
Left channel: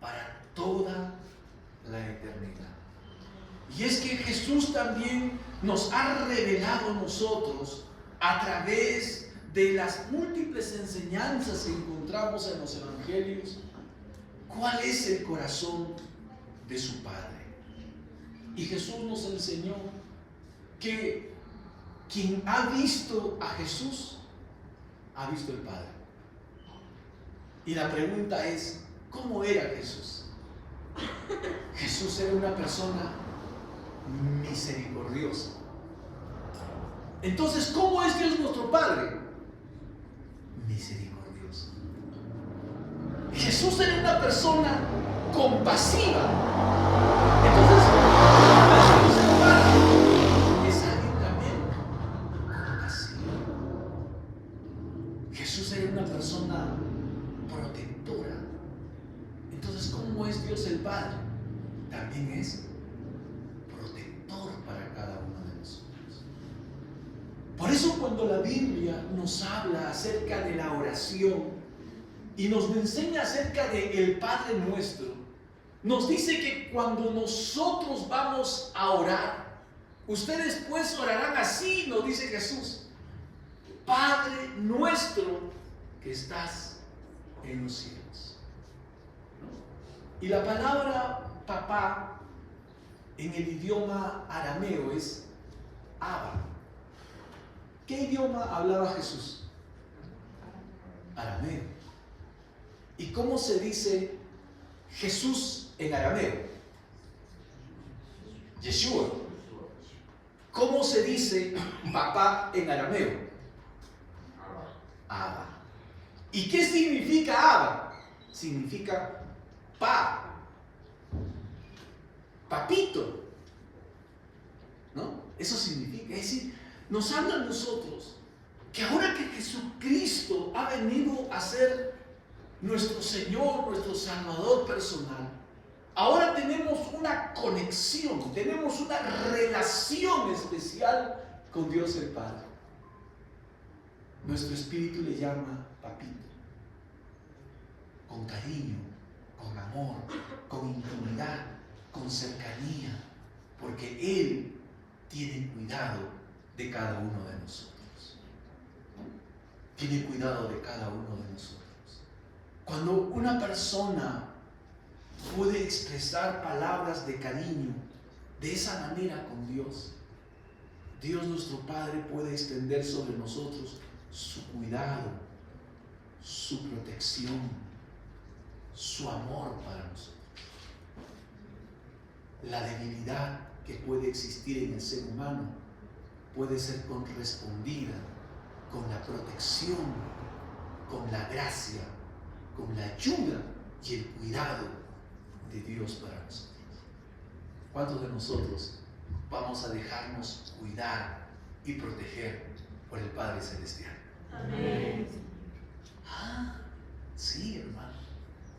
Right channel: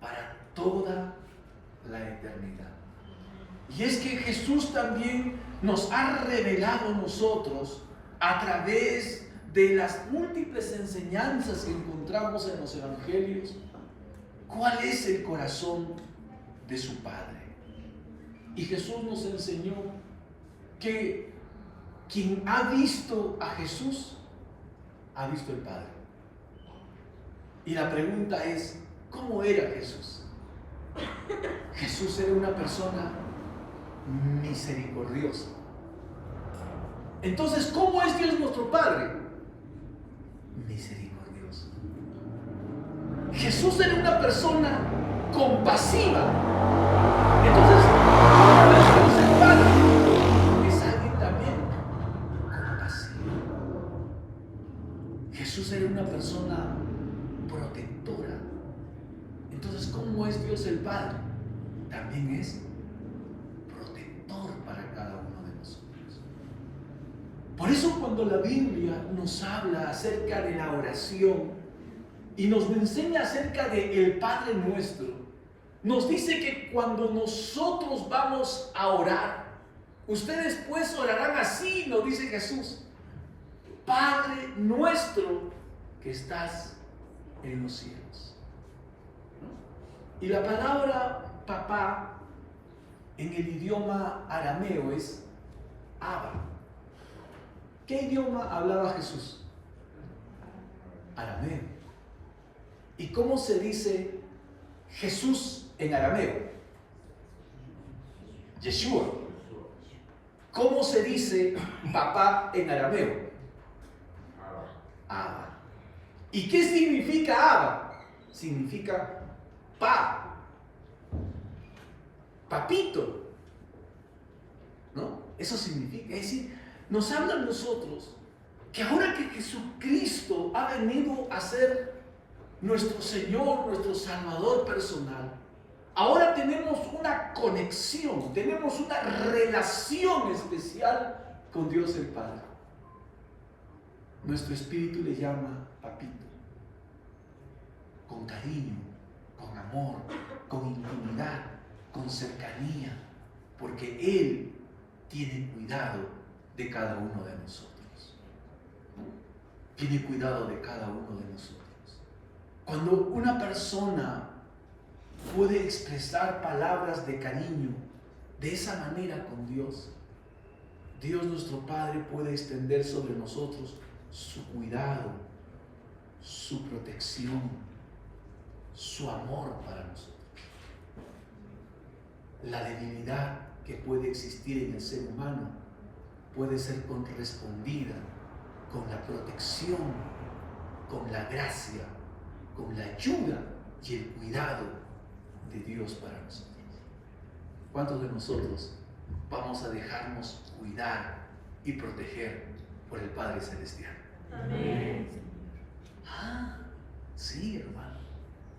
para toda la eternidad. Y es que Jesús también nos ha revelado a nosotros a través de las múltiples enseñanzas que encontramos en los evangelios, cuál es el corazón de su Padre. Y Jesús nos enseñó que quien ha visto a Jesús, ha visto al Padre. Y la pregunta es, ¿cómo era Jesús? Jesús era una persona misericordiosa. Entonces, ¿cómo es Dios nuestro Padre? Misericordioso. Jesús era una persona compasiva. Entonces, ¿cómo es Dios el Padre? Es alguien también compasivo. Jesús era una persona protectora. Entonces, ¿cómo es Dios el Padre? También es protector para cada uno de nosotros. Por eso cuando la Biblia nos habla acerca de la oración y nos enseña acerca del Padre Nuestro, nos dice que cuando nosotros vamos a orar, ustedes pues orarán así, nos dice Jesús: Padre nuestro que estás en los cielos. ¿No? Y la palabra papá en el idioma arameo es Abba. ¿Qué idioma hablaba Jesús? Arameo. ¿Y cómo se dice Jesús en arameo? Yeshua. ¿Cómo se dice papá en arameo? Abba. ¿Y qué significa Abba? Significa papito, ¿no? Eso significa, es decir, nos habla a nosotros que ahora que Jesucristo ha venido a ser nuestro Señor, nuestro Salvador personal, ahora tenemos una conexión, tenemos una relación especial con Dios el Padre. Nuestro espíritu le llama papito, con cariño, con amor, con intimidad, con cercanía, porque Él tiene cuidado de cada uno de nosotros. Tiene cuidado de cada uno de nosotros. Cuando una persona puede expresar palabras de cariño de esa manera con Dios, Dios nuestro Padre puede extender sobre nosotros su cuidado, su protección, su amor para nosotros. La debilidad que puede existir en el ser humano puede ser correspondida con la protección, con la gracia, con la ayuda y el cuidado de Dios para nosotros. ¿Cuántos de nosotros vamos a dejarnos cuidar y proteger por el Padre Celestial? Amén. Sí, hermano,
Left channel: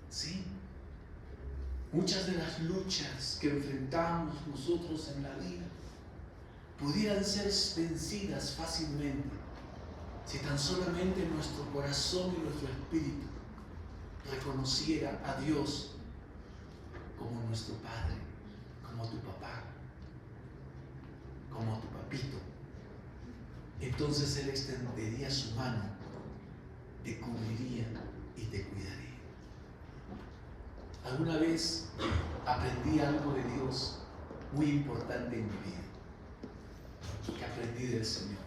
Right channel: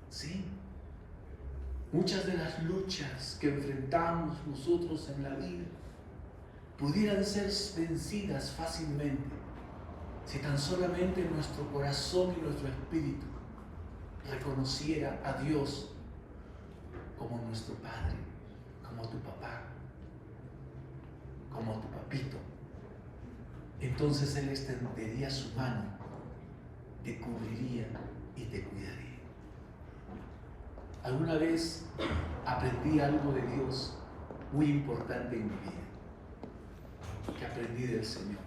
sí. Muchas de las luchas que enfrentamos nosotros en la vida pudieran ser vencidas fácilmente si tan solamente nuestro corazón y nuestro espíritu reconociera a Dios como nuestro Padre, como tu papá, como tu papito. Entonces Él extendería su mano, te cubriría y te cuidaría. Alguna vez aprendí algo de Dios muy importante en mi vida, que aprendí del Señor,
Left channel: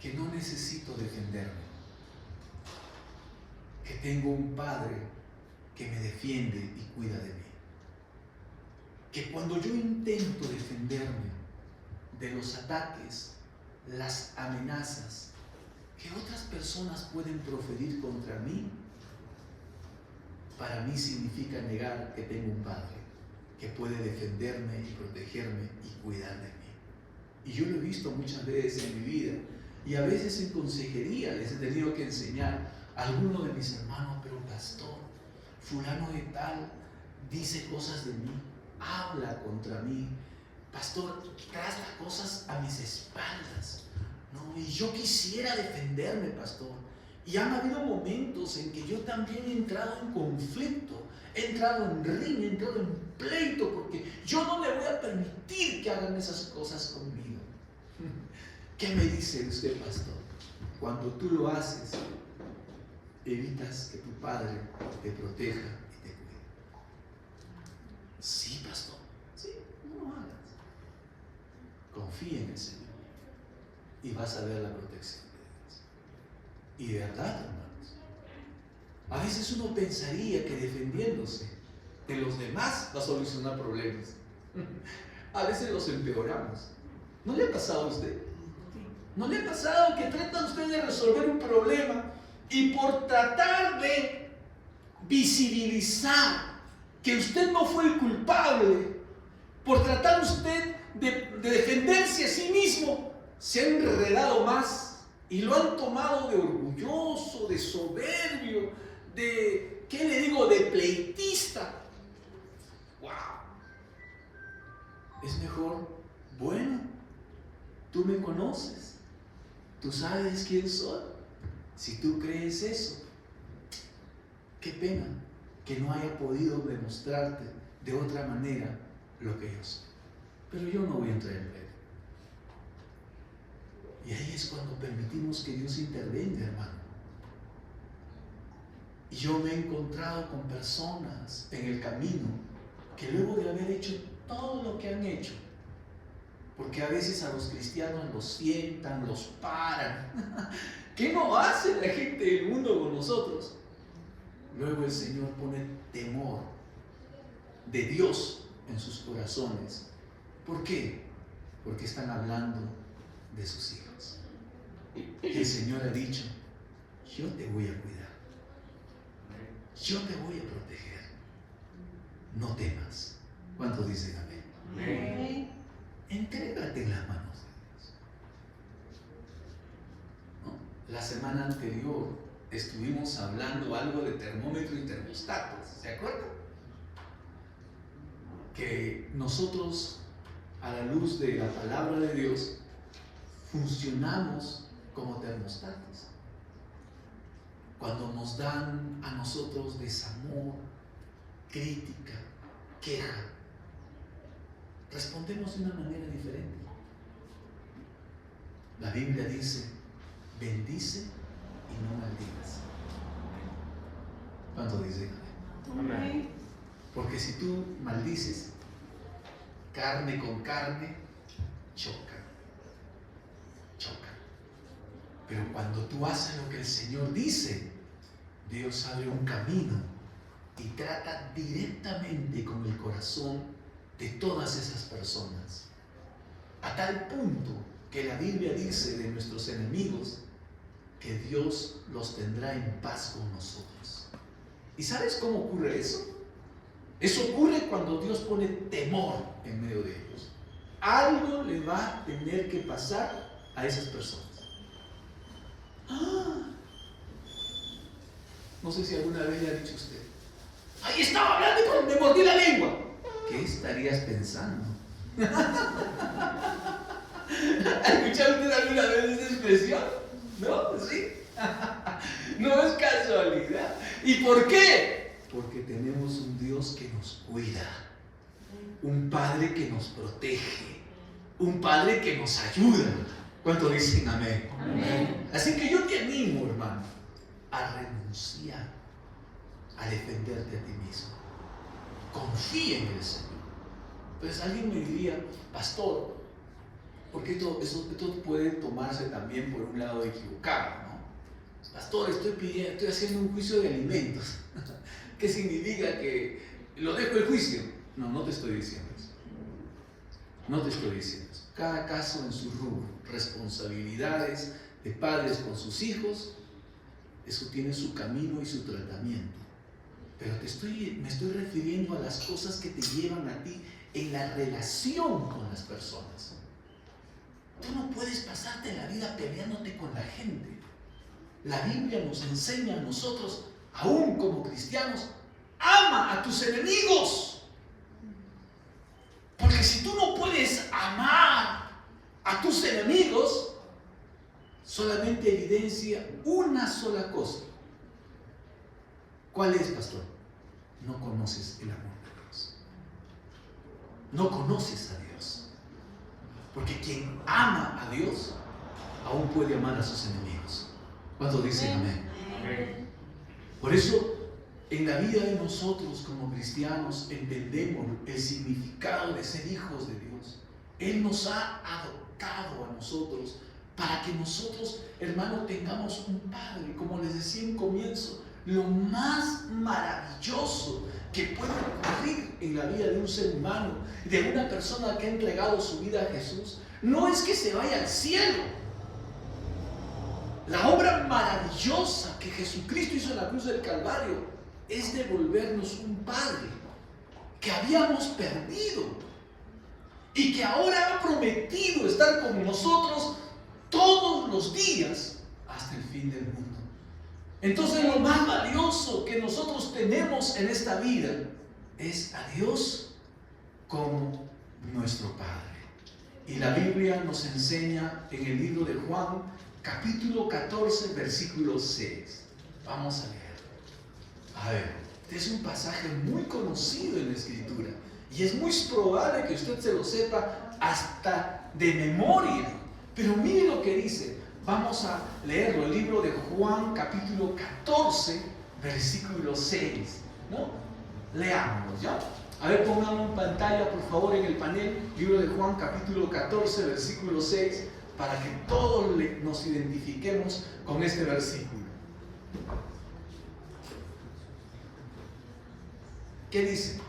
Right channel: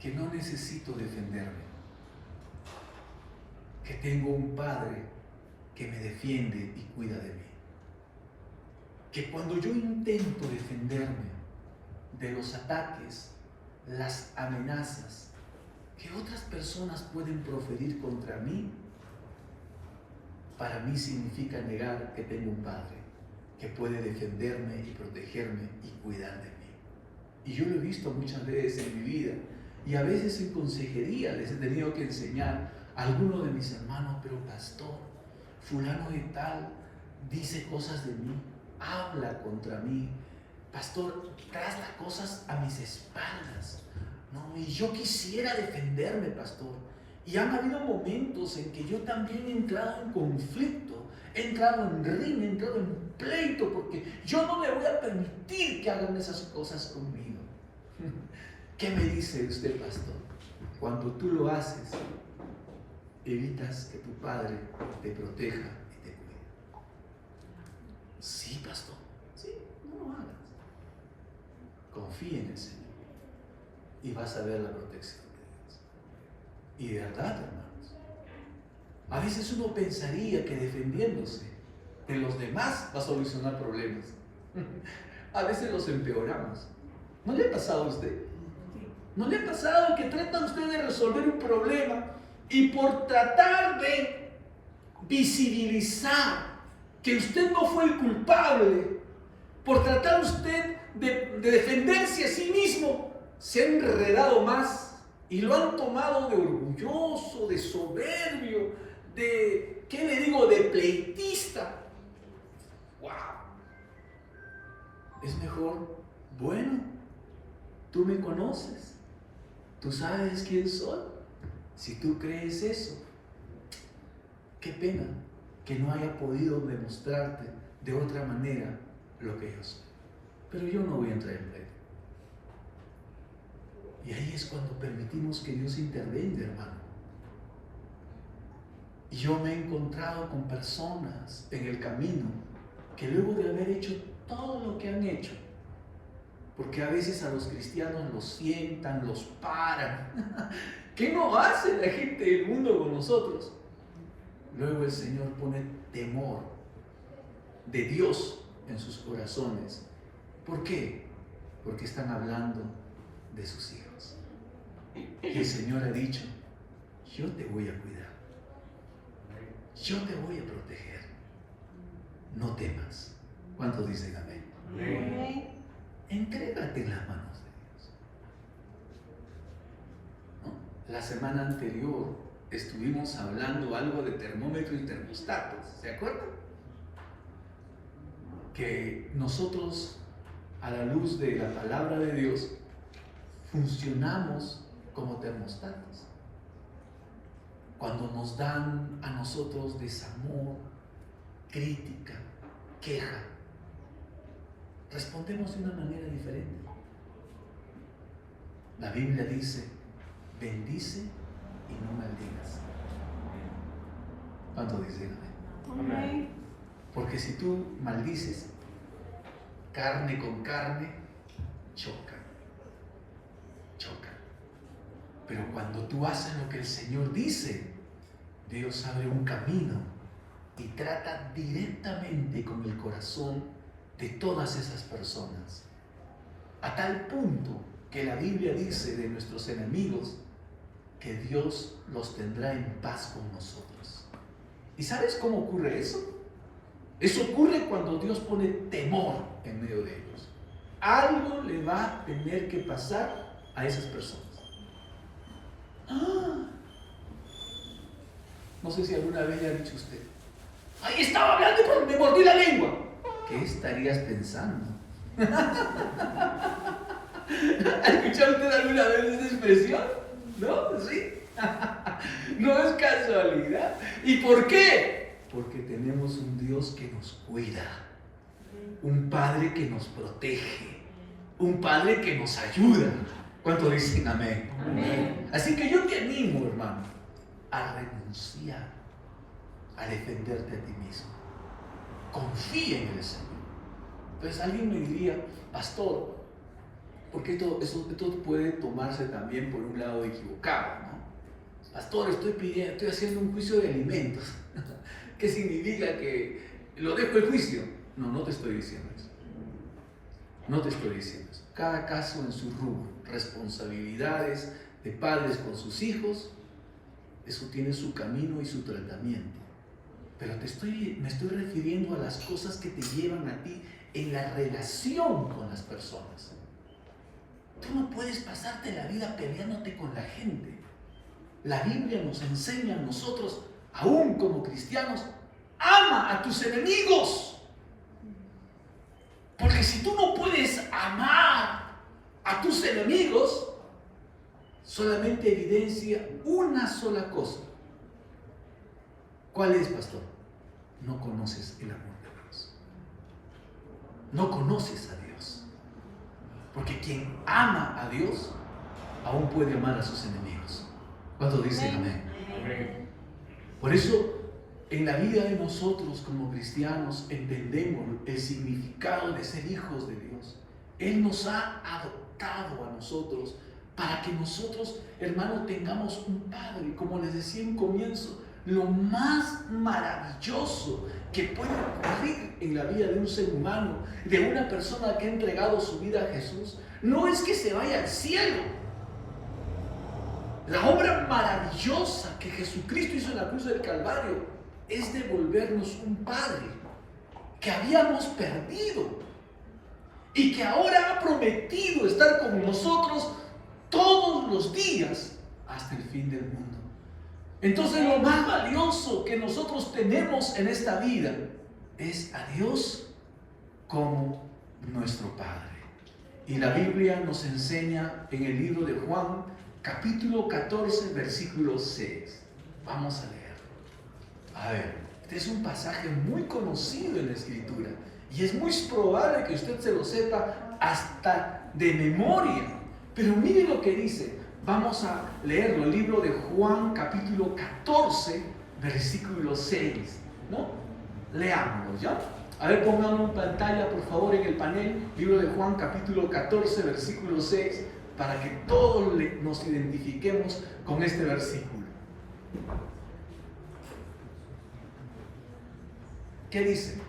que no necesito defenderme, que tengo un Padre que me defiende y cuida de mí, que cuando yo intento defenderme de los ataques, las amenazas que otras personas pueden proferir contra mí, para mí significa negar que tengo un Padre que puede defenderme y protegerme y cuidar de mí. Y yo lo he visto muchas veces en mi vida. Y a veces en consejería les he tenido que enseñar a algunos de mis hermanos, pero pastor, fulano de tal dice cosas de mí, habla contra mí. Pastor, traes las cosas a mis espaldas. No, y yo quisiera defenderme, pastor. Y han habido momentos en que yo también he entrado en conflicto, he entrado en riña, he entrado en pleito, porque yo no le voy a permitir que hagan esas cosas conmigo. ¿Qué me dice usted, pastor? Cuando tú lo haces, evitas que tu padre te proteja y te cuide. Sí, pastor. Sí, no lo hagas. Confía en el Señor y vas a ver la protección de Dios. Y de verdad, hermanos, a veces uno pensaría que defendiéndose de los demás va a solucionar problemas. A veces los empeoramos. ¿No le ha pasado a usted? ¿No le ha pasado que trata usted de resolver un problema y por tratar de visibilizar que usted no fue el culpable, por tratar usted de defenderse a sí mismo, se ha enredado más y lo han tomado de orgulloso, de soberbio, de, ¿qué le digo?, de pleitista? ¡Wow! Es mejor, bueno, tú me conoces, tú sabes quién soy. Si tú crees eso, qué pena que no haya podido demostrarte de otra manera lo que yo soy. Pero yo no voy a entrar en pleito. Y ahí es cuando permitimos que Dios intervenga, hermano. Y yo me he encontrado con personas en el camino que luego de haber hecho todo lo que han hecho, porque a veces a los cristianos los sientan, los paran. ¿Qué no hace la gente del mundo con nosotros? Luego el Señor pone temor de Dios en sus corazones. ¿Por qué? Porque están hablando de sus hijos. Y el Señor ha dicho, yo te voy a cuidar, yo te voy a proteger, no temas. ¿Cuántos dicen amén? Amén. Entrégate en las manos de Dios. ¿No? La semana anterior estuvimos hablando algo de termómetro y termostatos, ¿se acuerdan? Que nosotros, a la luz de la palabra de Dios, funcionamos como termostatos. Cuando nos dan a nosotros desamor, crítica, queja, respondemos de una manera diferente. La Biblia dice, bendice y no maldigas. ¿Cuánto dicen amén? Amén. Porque si tú maldices, carne con carne, choca. Pero cuando tú haces lo que el Señor dice, Dios abre un camino y trata directamente con el corazón de todas esas personas. A tal punto que la Biblia dice de nuestros enemigos que Dios los tendrá en paz con nosotros. ¿Y sabes cómo ocurre eso? Eso ocurre cuando Dios pone temor en medio de ellos. Algo le va a tener que pasar a esas personas. No sé si alguna vez le ha dicho usted, ahí estaba hablando y me mordí la lengua. ¿Qué estarías pensando? ¿Ha escuchado usted alguna vez esa expresión? ¿No? ¿Sí? No es casualidad. ¿Y por qué? Porque tenemos un Dios que nos cuida, un Padre que nos protege, un Padre que nos ayuda. ¿Cuánto dicen amén? Amén. Así que yo te animo, hermano, a renunciar a defenderte a ti mismo. Confía en el Señor. Entonces alguien me diría, pastor, porque esto puede tomarse también por un lado equivocado, ¿no? Pastor, estoy haciendo un juicio de alimentos. ¿Qué significa que lo dejo el juicio? No, no te estoy diciendo eso. No te estoy diciendo eso. Cada caso en su rubro, responsabilidades de padres con sus hijos, eso tiene su camino y su tratamiento. Pero me estoy refiriendo a las cosas que te llevan a ti en la relación con las personas. Tú no puedes pasarte la vida peleándote con la gente. La Biblia nos enseña a nosotros, aún como cristianos, ama a tus enemigos. Porque si tú no puedes amar a tus enemigos, solamente evidencia una sola cosa. ¿Cuál es, pastor? No conoces el amor de Dios. No conoces a Dios. Porque quien ama a Dios, aún puede amar a sus enemigos. ¿Cuántos dicen amén? Amén. Por eso, en la vida de nosotros como cristianos entendemos el significado de ser hijos de Dios. Él nos ha adoptado a nosotros para que nosotros, hermanos, tengamos un Padre. Como les decía en comienzo, lo más maravilloso que puede ocurrir en la vida de un ser humano, de una persona que ha entregado su vida a Jesús, no es que se vaya al cielo. La obra maravillosa que Jesucristo hizo en la cruz del Calvario es devolvernos un Padre que habíamos perdido y que ahora ha prometido estar con nosotros todos los días hasta el fin del mundo. Entonces lo más valioso que nosotros tenemos en esta vida es a Dios como nuestro Padre. Y la Biblia nos enseña en el libro de Juan, capítulo 14, versículo 6. Vamos a leer. A ver, este es un pasaje muy conocido en la Escritura y es muy probable que usted se lo sepa hasta de memoria. Pero mire lo que dice. Vamos a leerlo, el libro de Juan, capítulo 14, versículo 6. ¿No? Leámoslo, ¿ya? A ver, pónganlo en pantalla, por favor, en el panel. Libro de Juan, capítulo 14, versículo 6, para que todos nos identifiquemos con este versículo. ¿Qué dice?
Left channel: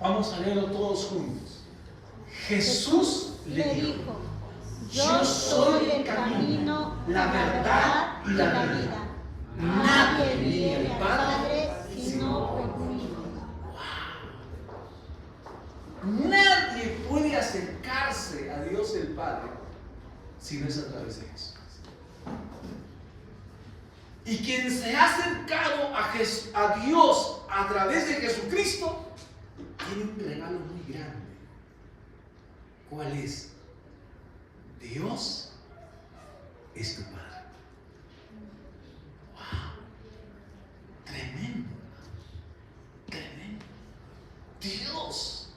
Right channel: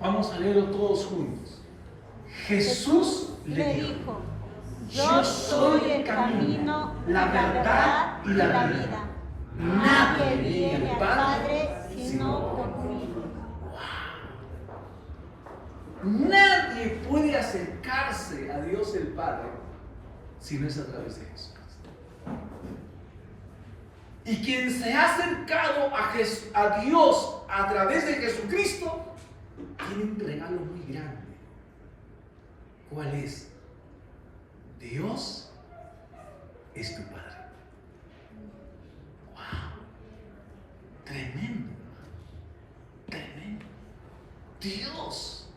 Vamos a leerlo todos juntos. Jesús le dijo: yo soy el camino, la verdad y la vida. Nadie viene al Padre sino por mí. Wow. Nadie puede acercarse a Dios el Padre si no es a través de Jesús. Y quien se ha acercado a Dios a través de Jesucristo tiene un regalo muy grande. ¿Cuál es? Dios es tu Padre. ¡Wow! Tremendo, hermano. Tremendo. Dios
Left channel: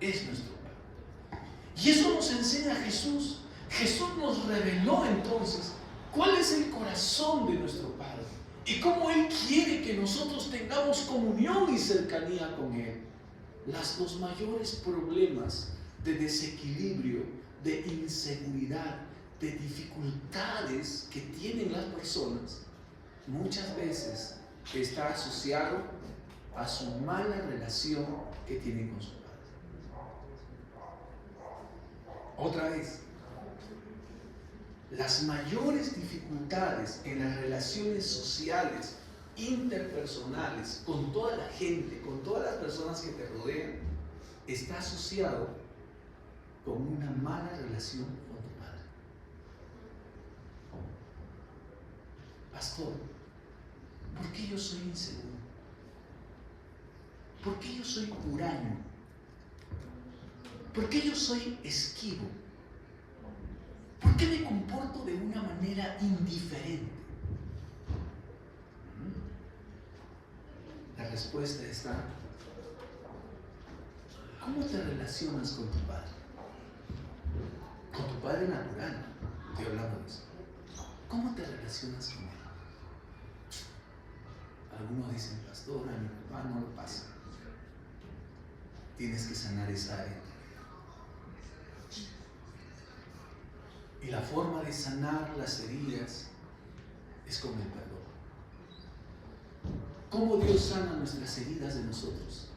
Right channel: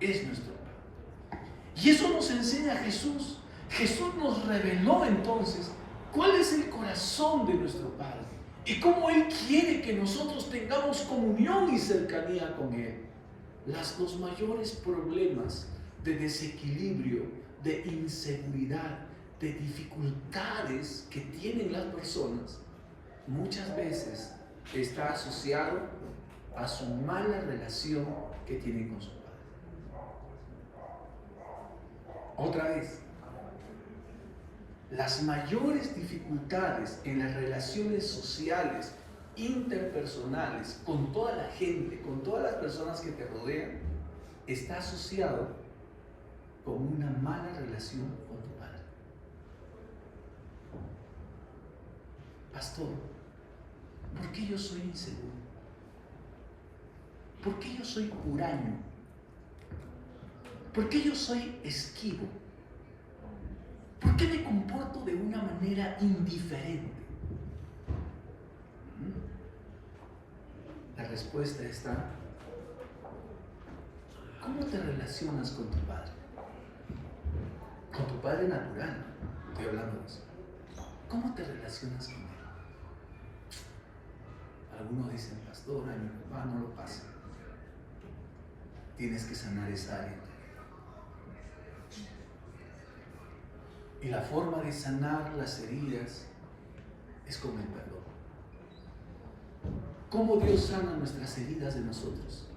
es nuestro Padre. Y eso nos enseña Jesús. Jesús nos reveló entonces cuál es el corazón de nuestro Padre y cómo Él quiere que nosotros tengamos comunión y cercanía con Él. Los mayores problemas de desequilibrio, de inseguridad, de dificultades que tienen las personas, muchas veces está asociado a su mala relación que tienen con su Padre. Otra vez, las mayores dificultades en las relaciones sociales, interpersonales, con toda la gente, con todas las personas que te rodean, está asociado con una mala relación con tu Padre. Pastor, ¿por qué yo soy inseguro? ¿Por qué yo soy huraño? ¿Por qué yo soy esquivo? ¿Por qué me comporto de una manera indiferente? La respuesta está: ¿cómo te relacionas con tu Padre? Con tu Padre natural, estoy hablando de eso. ¿Cómo te relacionas con Él? Algunos dicen: pastor, a mi papá no lo pasa. Tienes que sanar esa área. Y la forma de sanar las heridas es con el perdón. ¿Cómo Dios sana nuestras heridas de nosotros?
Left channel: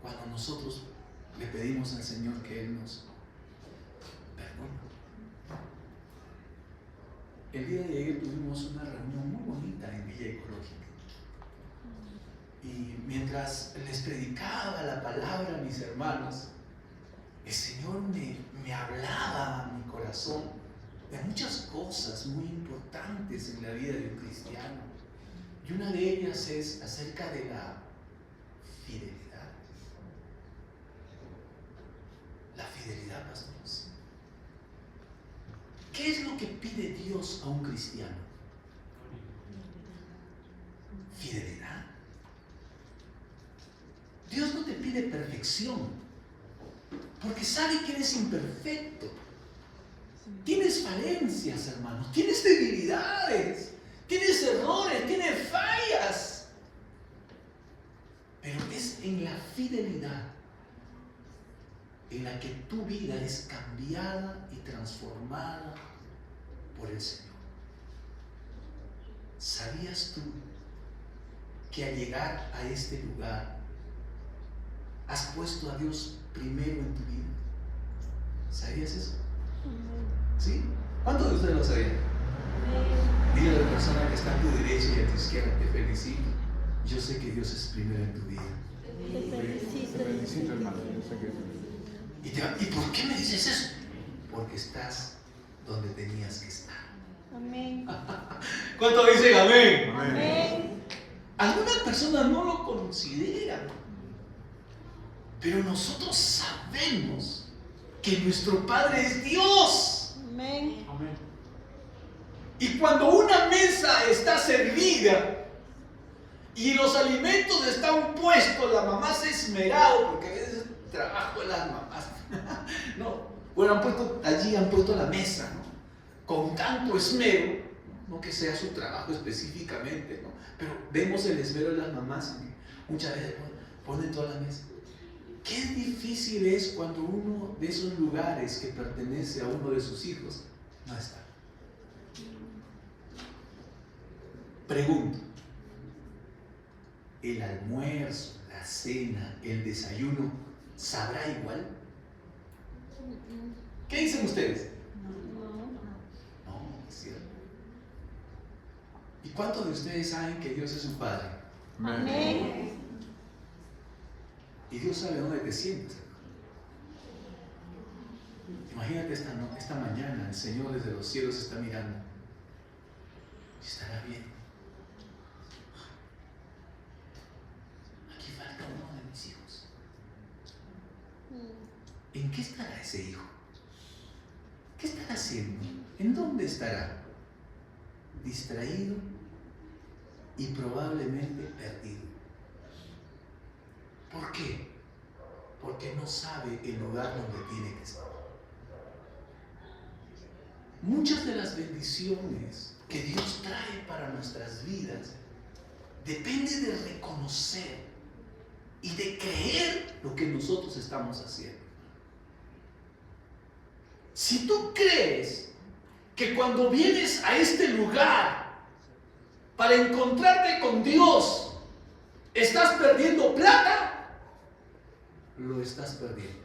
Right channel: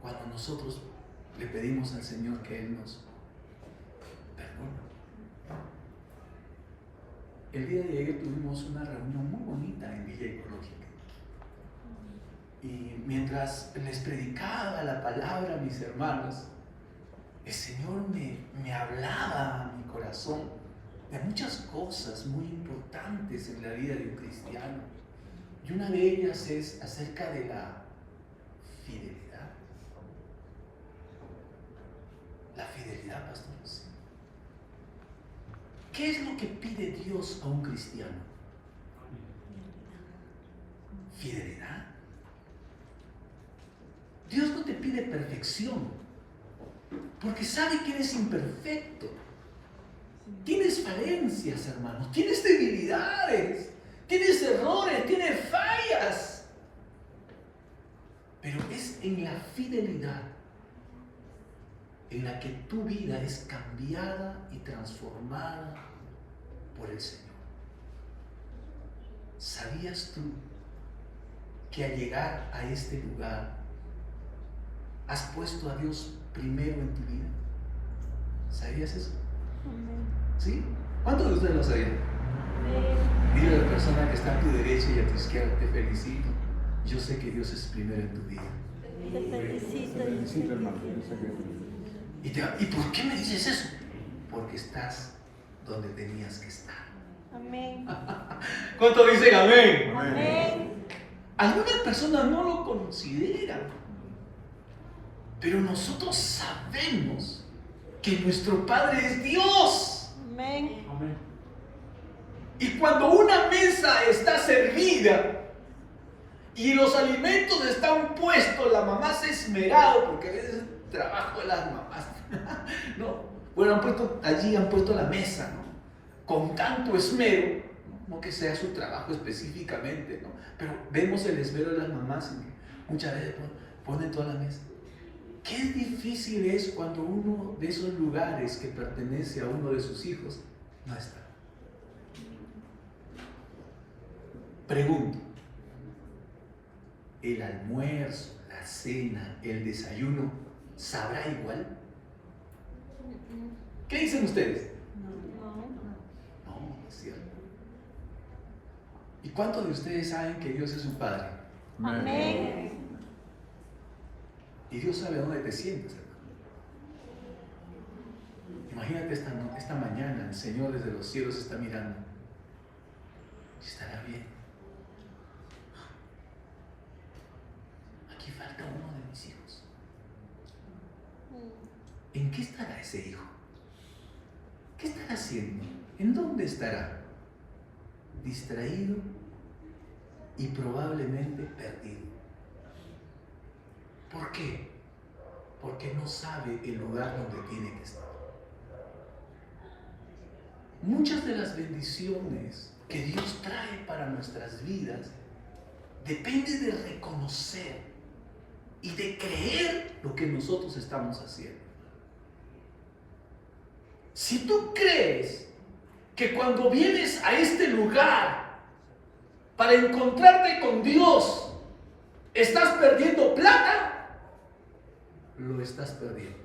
Cuando nosotros le pedimos al Señor que Él nos perdone. El día de ayer tuvimos una reunión muy bonita en Villa Ecológica. Y mientras les predicaba la palabra a mis hermanos, el Señor me hablaba a mi corazón de muchas cosas muy importantes en la vida de un cristiano. Y una de ellas es acerca de la fidelidad. La fidelidad, pastores. ¿Qué es lo que pide Dios a un cristiano? Fidelidad. Dios no te pide perfección, porque sabe que eres imperfecto. Tienes falencias, hermanos, tienes debilidades, tienes errores, tienes fallas. Pero es en la fidelidad en la que tu vida es cambiada y transformada por el Señor. ¿Sabías tú que al llegar a este lugar has puesto a Dios primero en tu vida? ¿Sabías eso? ¿Sí? ¿Cuántos de ustedes lo sabían? Dile a la persona que está a tu derecha y a tu izquierda: te felicito. Yo sé que Dios es primero en tu vida. Te felicito, hermano. ¿Y por qué me dices eso? Porque estás donde tenías que estar. Amén. ¿Cuántos dicen amén? Amén. Algunas personas no lo consideran, pero nosotros sabemos que nuestro Padre es Dios. Amén. Y cuando una mesa está servida y los alimentos están puestos, la mamá se ha esmerado, porque a veces es el trabajo de las mamás. No, bueno, han puesto la mesa, ¿no? Con tanto esmero, no que sea su trabajo específicamente, ¿no? Pero vemos el esmero de las mamás y muchas veces ponen toda la mesa. Qué difícil es cuando uno de esos lugares que pertenece a uno de sus hijos no está. Pregunto: ¿el almuerzo, la cena, el desayuno sabrá igual? ¿Qué dicen ustedes? No, es cierto. ¿Y cuántos de ustedes saben que Dios es su Padre? Amén. Y Dios sabe dónde te sientes, hermano. Imagínate esta mañana, el Señor desde los cielos está mirando. ¿Estará bien? Aquí falta uno de mis hijos. ¿En qué estará ese hijo? ¿Qué estará haciendo? ¿En dónde estará? Distraído y probablemente perdido. ¿Por qué? Porque no sabe el lugar donde tiene que estar. Muchas de las bendiciones que Dios trae para nuestras vidas depende de reconocer y de creer lo que nosotros estamos haciendo. Si tú crees que cuando vienes a este lugar para encontrarte con Dios estás perdiendo plata, lo estás perdiendo.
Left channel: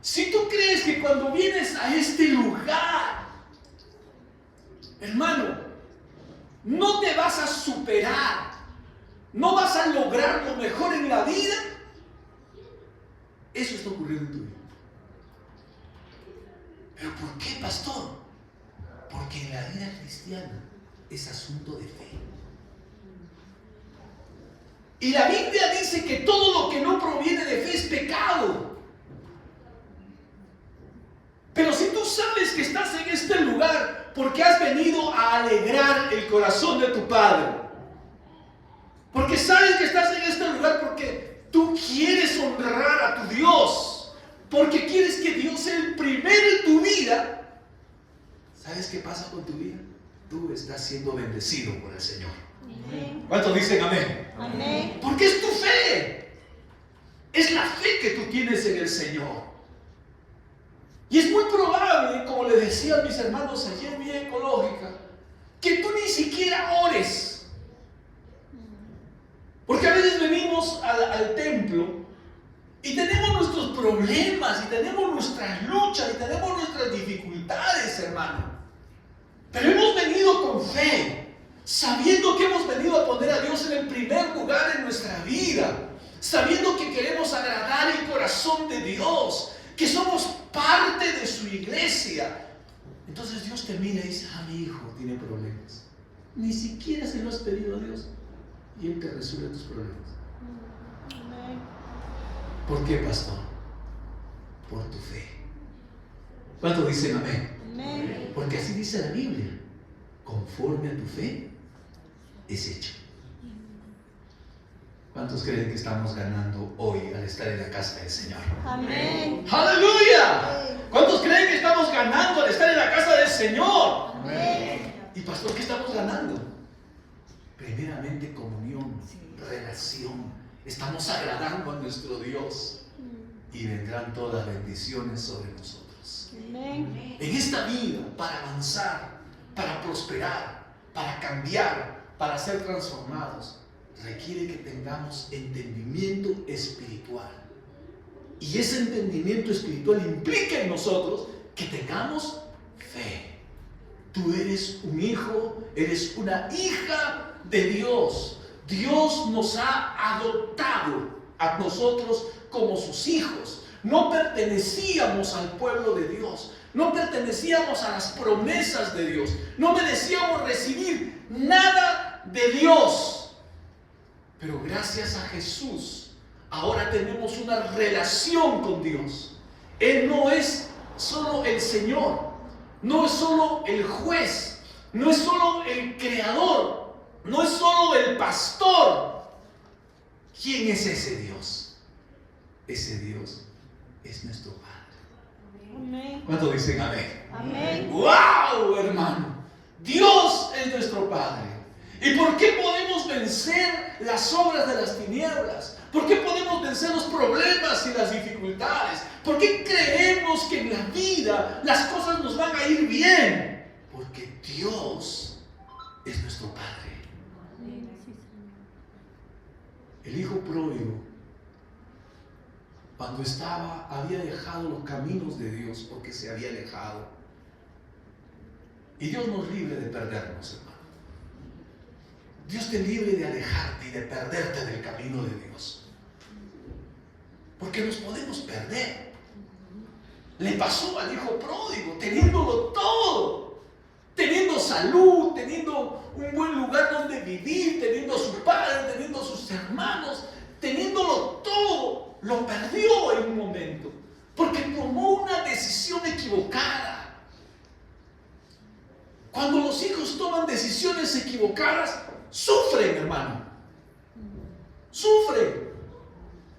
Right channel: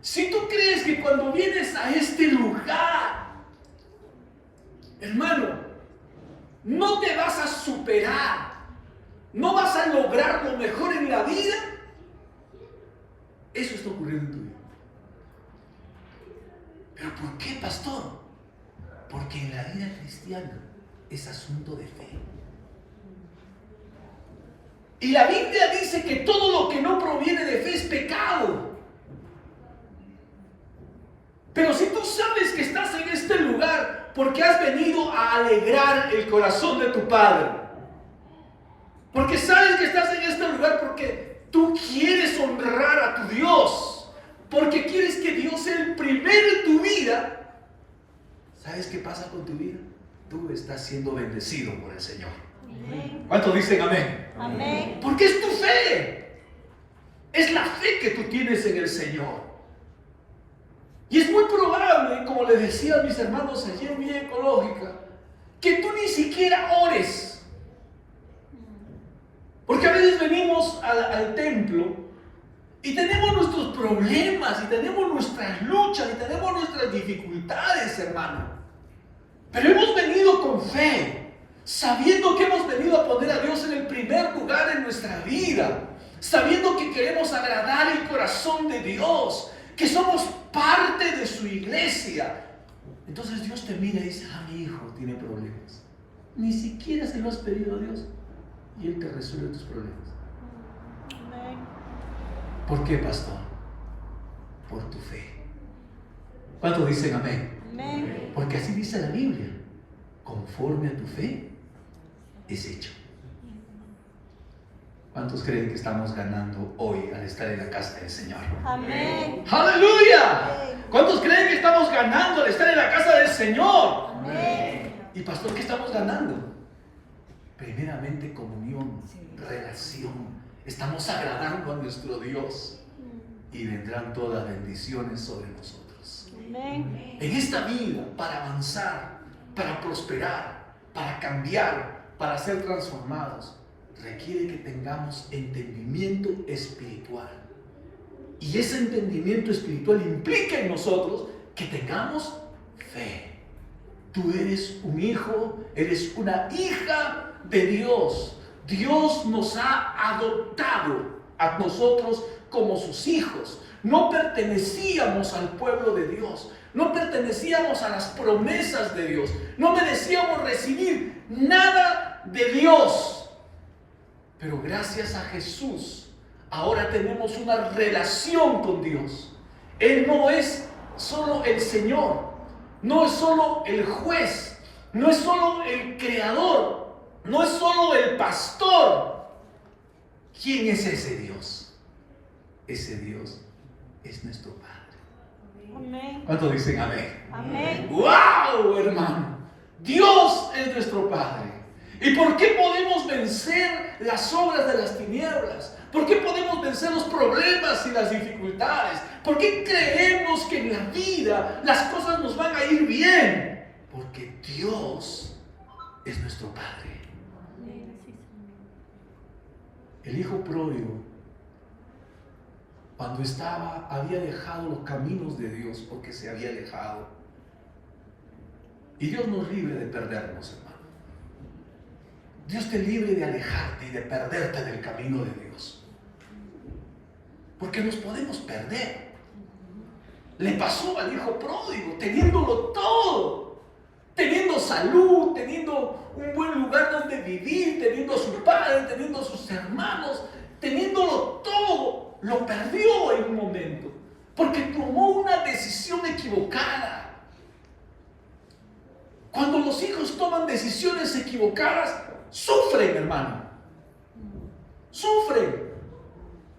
Si tú crees que cuando vienes a este lugar, hermano, no te vas a superar, no vas a lograr lo mejor en la vida, eso está ocurriendo en tu vida. ¿Pero por qué, pastor? Porque en la vida cristiana es asunto de fe. Y la Biblia dice que todo lo que no proviene de fe es pecado. Pero si tú sabes que estás en este lugar porque has venido a alegrar el corazón de tu Padre, porque sabes que estás en este lugar porque tú quieres honrar a tu Dios, porque quieres que Dios sea el primero en tu vida, ¿sabes qué pasa con tu vida? Tú estás siendo bendecido por el Señor. Amén. ¿Cuántos dicen amén? Amén. Porque es tu fe. Es la fe que tú tienes en el Señor. Y es muy probable, como les decía a mis hermanos ayer en Vida Ecológica, que tú ni siquiera ores. Porque a veces venimos al templo y tenemos nuestros problemas, y tenemos nuestras luchas, y tenemos nuestras dificultades, hermano. Pero hemos venido con fe, sabiendo que hemos venido a poner a Dios en el primer lugar en nuestra vida, sabiendo que queremos agradar el corazón de Dios, que somos parte de su iglesia. Entonces Dios te mira y dice, mi hijo tiene problemas. Ni siquiera se lo has pedido a Dios y Él te resuelve tus problemas. ¿Por qué, pastor? Por tu fe. ¿Cuántos dicen amén? Amén. Porque así dice la Biblia. Conforme a tu fe es hecho. ¿Cuántos creen que estamos ganando hoy al estar en la casa del Señor? Amén. ¡Aleluya! ¿Cuántos creen que estamos ganando al estar en la casa del Señor? Amén. Y pastor, ¿qué estamos ganando? Primeramente comunión, relación. Estamos agradando a nuestro Dios y vendrán todas las bendiciones sobre nosotros. Amén. En esta vida, para avanzar, para prosperar, para cambiar, para ser transformados, requiere que tengamos entendimiento espiritual. Y ese entendimiento espiritual implica en nosotros que tengamos fe. Tú eres un hijo, eres una hija de Dios. Dios nos ha adoptado a nosotros como sus hijos. No pertenecíamos al pueblo de Dios. No pertenecíamos a las promesas de Dios. No merecíamos recibir nada de Dios. Pero gracias a Jesús, ahora tenemos una relación con Dios. Él no es solo el Señor, no es solo el juez, no es solo el creador, no es solo el pastor. ¿Quién es ese Dios? Ese Dios es nuestro Padre. Amén. ¿Cuántos dicen amén? Amén. ¡Wow, hermano! Dios es nuestro Padre. ¿Y por qué podemos vencer las obras de las tinieblas? ¿Por qué podemos vencer los problemas y las dificultades? ¿Por qué creemos que en la vida las cosas nos van a ir bien? Porque Dios es nuestro Padre. El hijo pródigo, cuando había dejado los caminos de Dios, porque se había alejado. Y Dios nos libre de perdernos, hermano. Dios te libre de alejarte y de perderte del camino de Dios. Porque nos podemos perder. Le pasó al hijo pródigo, teniéndolo todo. Teniendo salud, teniendo un buen lugar donde vivir, teniendo a su padre, teniendo a sus hermanos, teniéndolo todo. Lo perdió en un momento. Porque tomó una decisión equivocada. Cuando los hijos toman decisiones equivocadas, sufren, hermano. Sufren.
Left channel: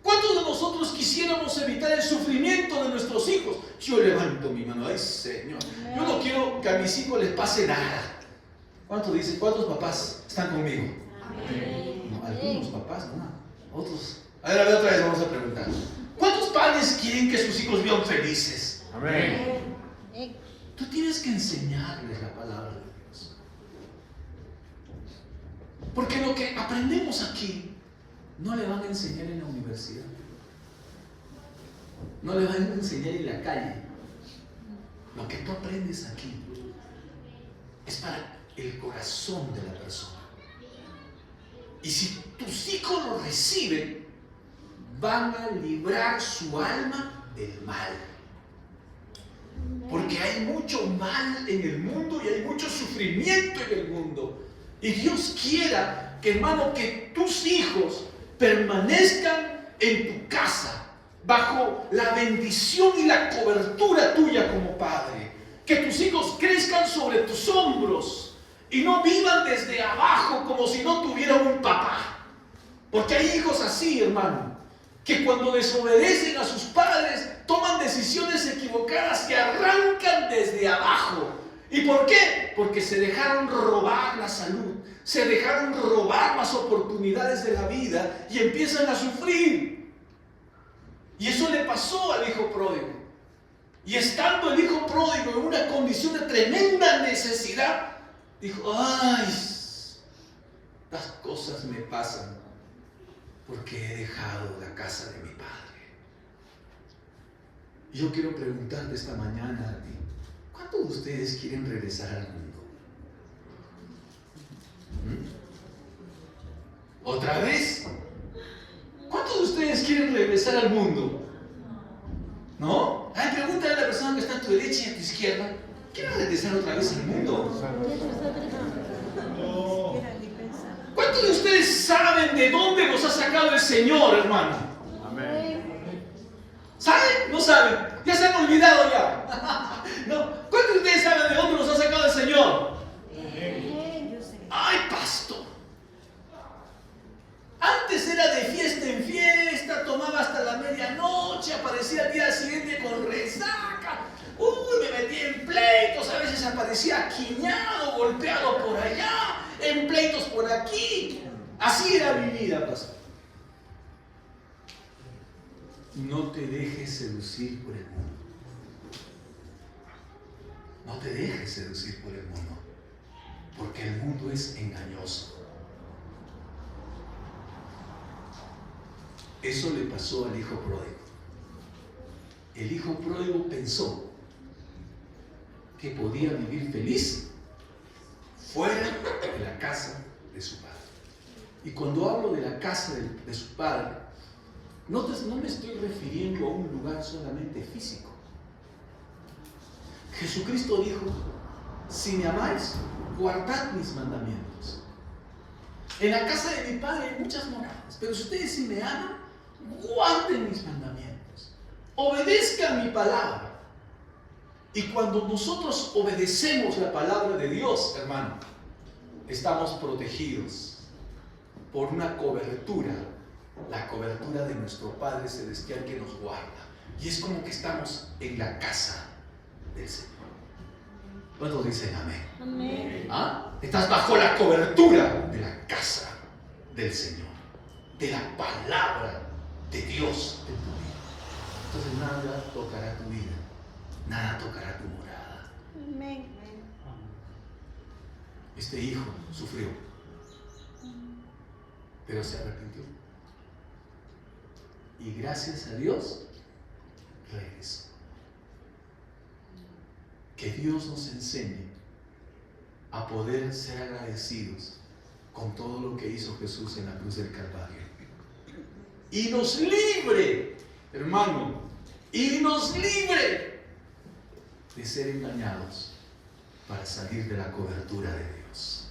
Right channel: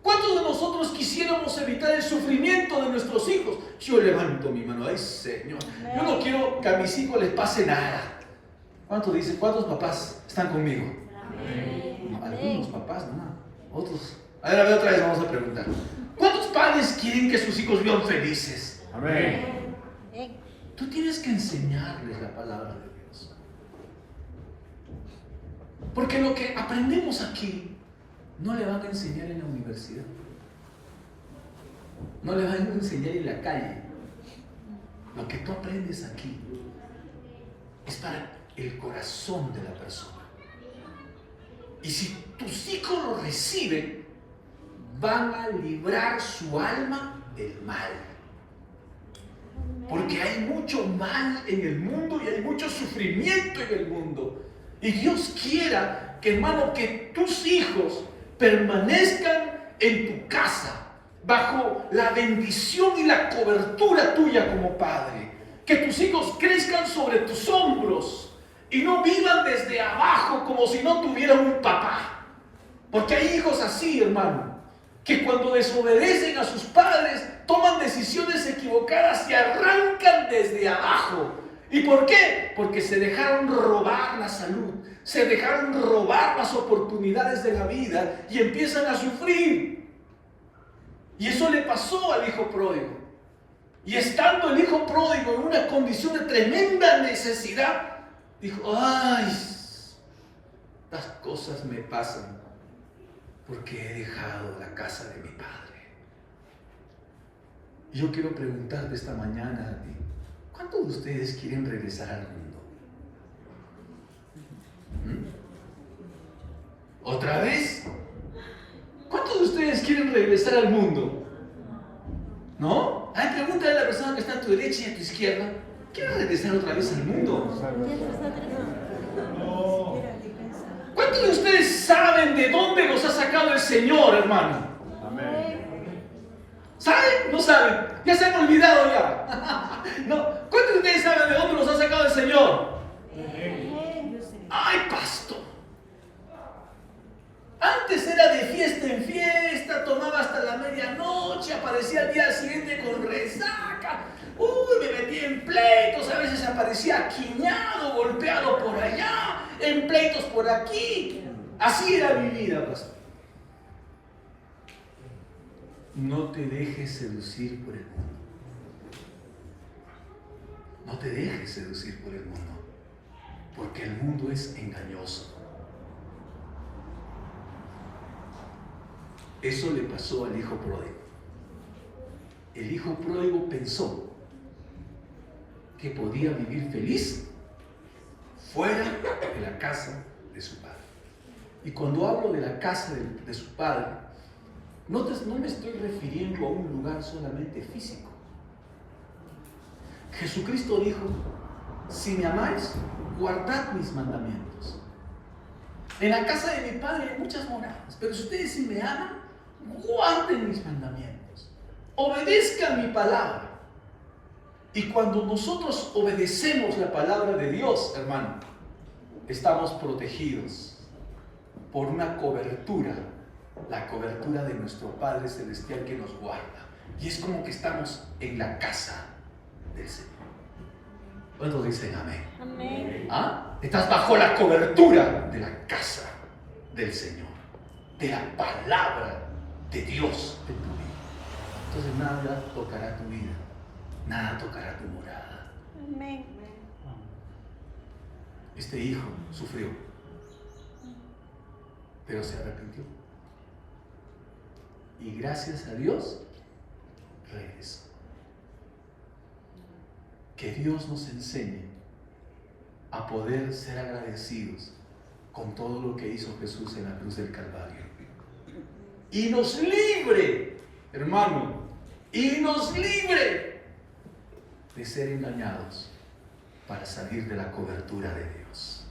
¿Cuántos de nosotros quisiéramos evitar el sufrimiento de nuestros hijos? Yo levanto mi mano. Ay, Señor. Yo no quiero que a mis hijos les pase nada. ¿Cuántos dicen? ¿Cuántos papás están conmigo? No, algunos papás, no. Otros. A ver, otra vez vamos a preguntar. ¿Cuántos padres quieren que sus hijos vivan felices? Amén. Tú tienes que enseñarles la palabra de Dios. Porque lo que aprendemos aquí no le van a enseñar en la universidad. No le van a enseñar en la calle. Lo que tú aprendes aquí es para el corazón de la persona. Y si tus hijos lo reciben, van a librar su alma del mal. Porque hay mucho mal en el mundo y hay mucho sufrimiento en el mundo. Y Dios quiera, que, hermano, que tus hijos permanezcan en tu casa, bajo la bendición y la cobertura tuya como padre. Que tus hijos crezcan sobre tus hombros y no vivan desde abajo como si no tuvieran un papá. Porque hay hijos así, hermano, que cuando desobedecen a sus padres, toman decisiones equivocadas y arrancan desde abajo. ¿Y por qué? Porque se dejaron robar la salud, se dejaron robar las oportunidades de la vida y empiezan a sufrir. Y eso le pasó al hijo pródigo. Y estando el hijo pródigo en una condición de tremenda necesidad, dijo, ay, las cosas me pasan porque he dejado la casa de mi padre. Yo quiero preguntarte esta mañana a ti, ¿cuántos de ustedes quieren regresar al mundo? ¿Otra vez? ¿Cuántos de ustedes quieren regresar al mundo? ¿No? Ay, pregúntale a la persona que está a tu derecha y a tu izquierda. ¿Quieres regresar otra vez al mundo? ¿Cuántos de ustedes saben de dónde los ha sacado el Señor, hermano? Amén. ¿Saben? ¿No saben? Ya se han olvidado ya. ¿No? ¿Cuántos de ustedes saben de dónde los ha sacado el Señor? ¡Ay, pastor! Antes era de fiesta en fiesta, tomaba hasta la medianoche, aparecía al día siguiente con resaca. Uy, me metí en pleitos, a veces aparecía aquiñado, golpeado por allá, en pleitos por aquí. Así era mi vida, pastor. No te dejes seducir por el mundo. No te dejes seducir por el mundo, porque el mundo es engañoso. Eso le pasó al hijo pródigo. El hijo pródigo pensó que podía vivir feliz fuera de la casa de su padre. Y cuando hablo de la casa de su padre, no me estoy refiriendo a un lugar solamente físico. Jesucristo dijo: si me amáis, guardad mis mandamientos. En la casa de mi padre hay muchas moradas, pero ustedes, si me aman, guarden mis mandamientos, obedezcan mi palabra. Y cuando nosotros obedecemos la palabra de Dios, hermano, estamos protegidos por una cobertura, la cobertura de nuestro Padre Celestial que nos guarda. Y es como que estamos en la casa del Señor. ¿Cuántos dicen amén? Amén. ¿Ah? Estás bajo la cobertura de la casa del Señor, de la palabra de Dios en tu vida. Entonces nada tocará tu vida, nada tocará tu morada. Amén. Este hijo sufrió, pero se arrepintió. Y gracias a Dios, regresó. Que Dios nos enseñe a poder ser agradecidos con todo lo que hizo Jesús en la cruz del Calvario. Y nos libre, hermano, y nos libre de ser engañados para salir de la cobertura de Dios.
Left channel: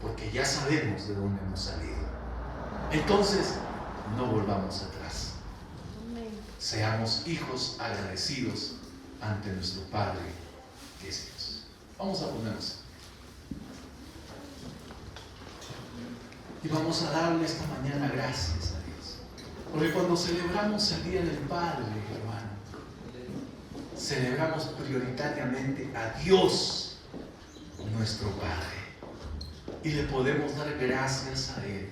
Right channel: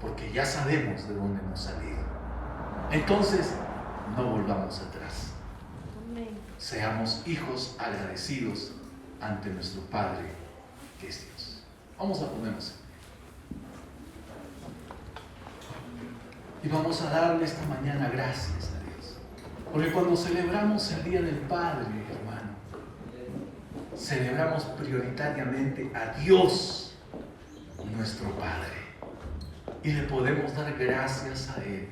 Porque ya sabemos de dónde hemos salido. Entonces, no volvamos atrás. Seamos hijos agradecidos ante nuestro Padre que es Dios. Vamos a ponernos. Y vamos a darle esta mañana gracias a Dios. Porque cuando celebramos el Día del Padre, hermano, celebramos prioritariamente a Dios, nuestro Padre. Y le podemos dar gracias a Él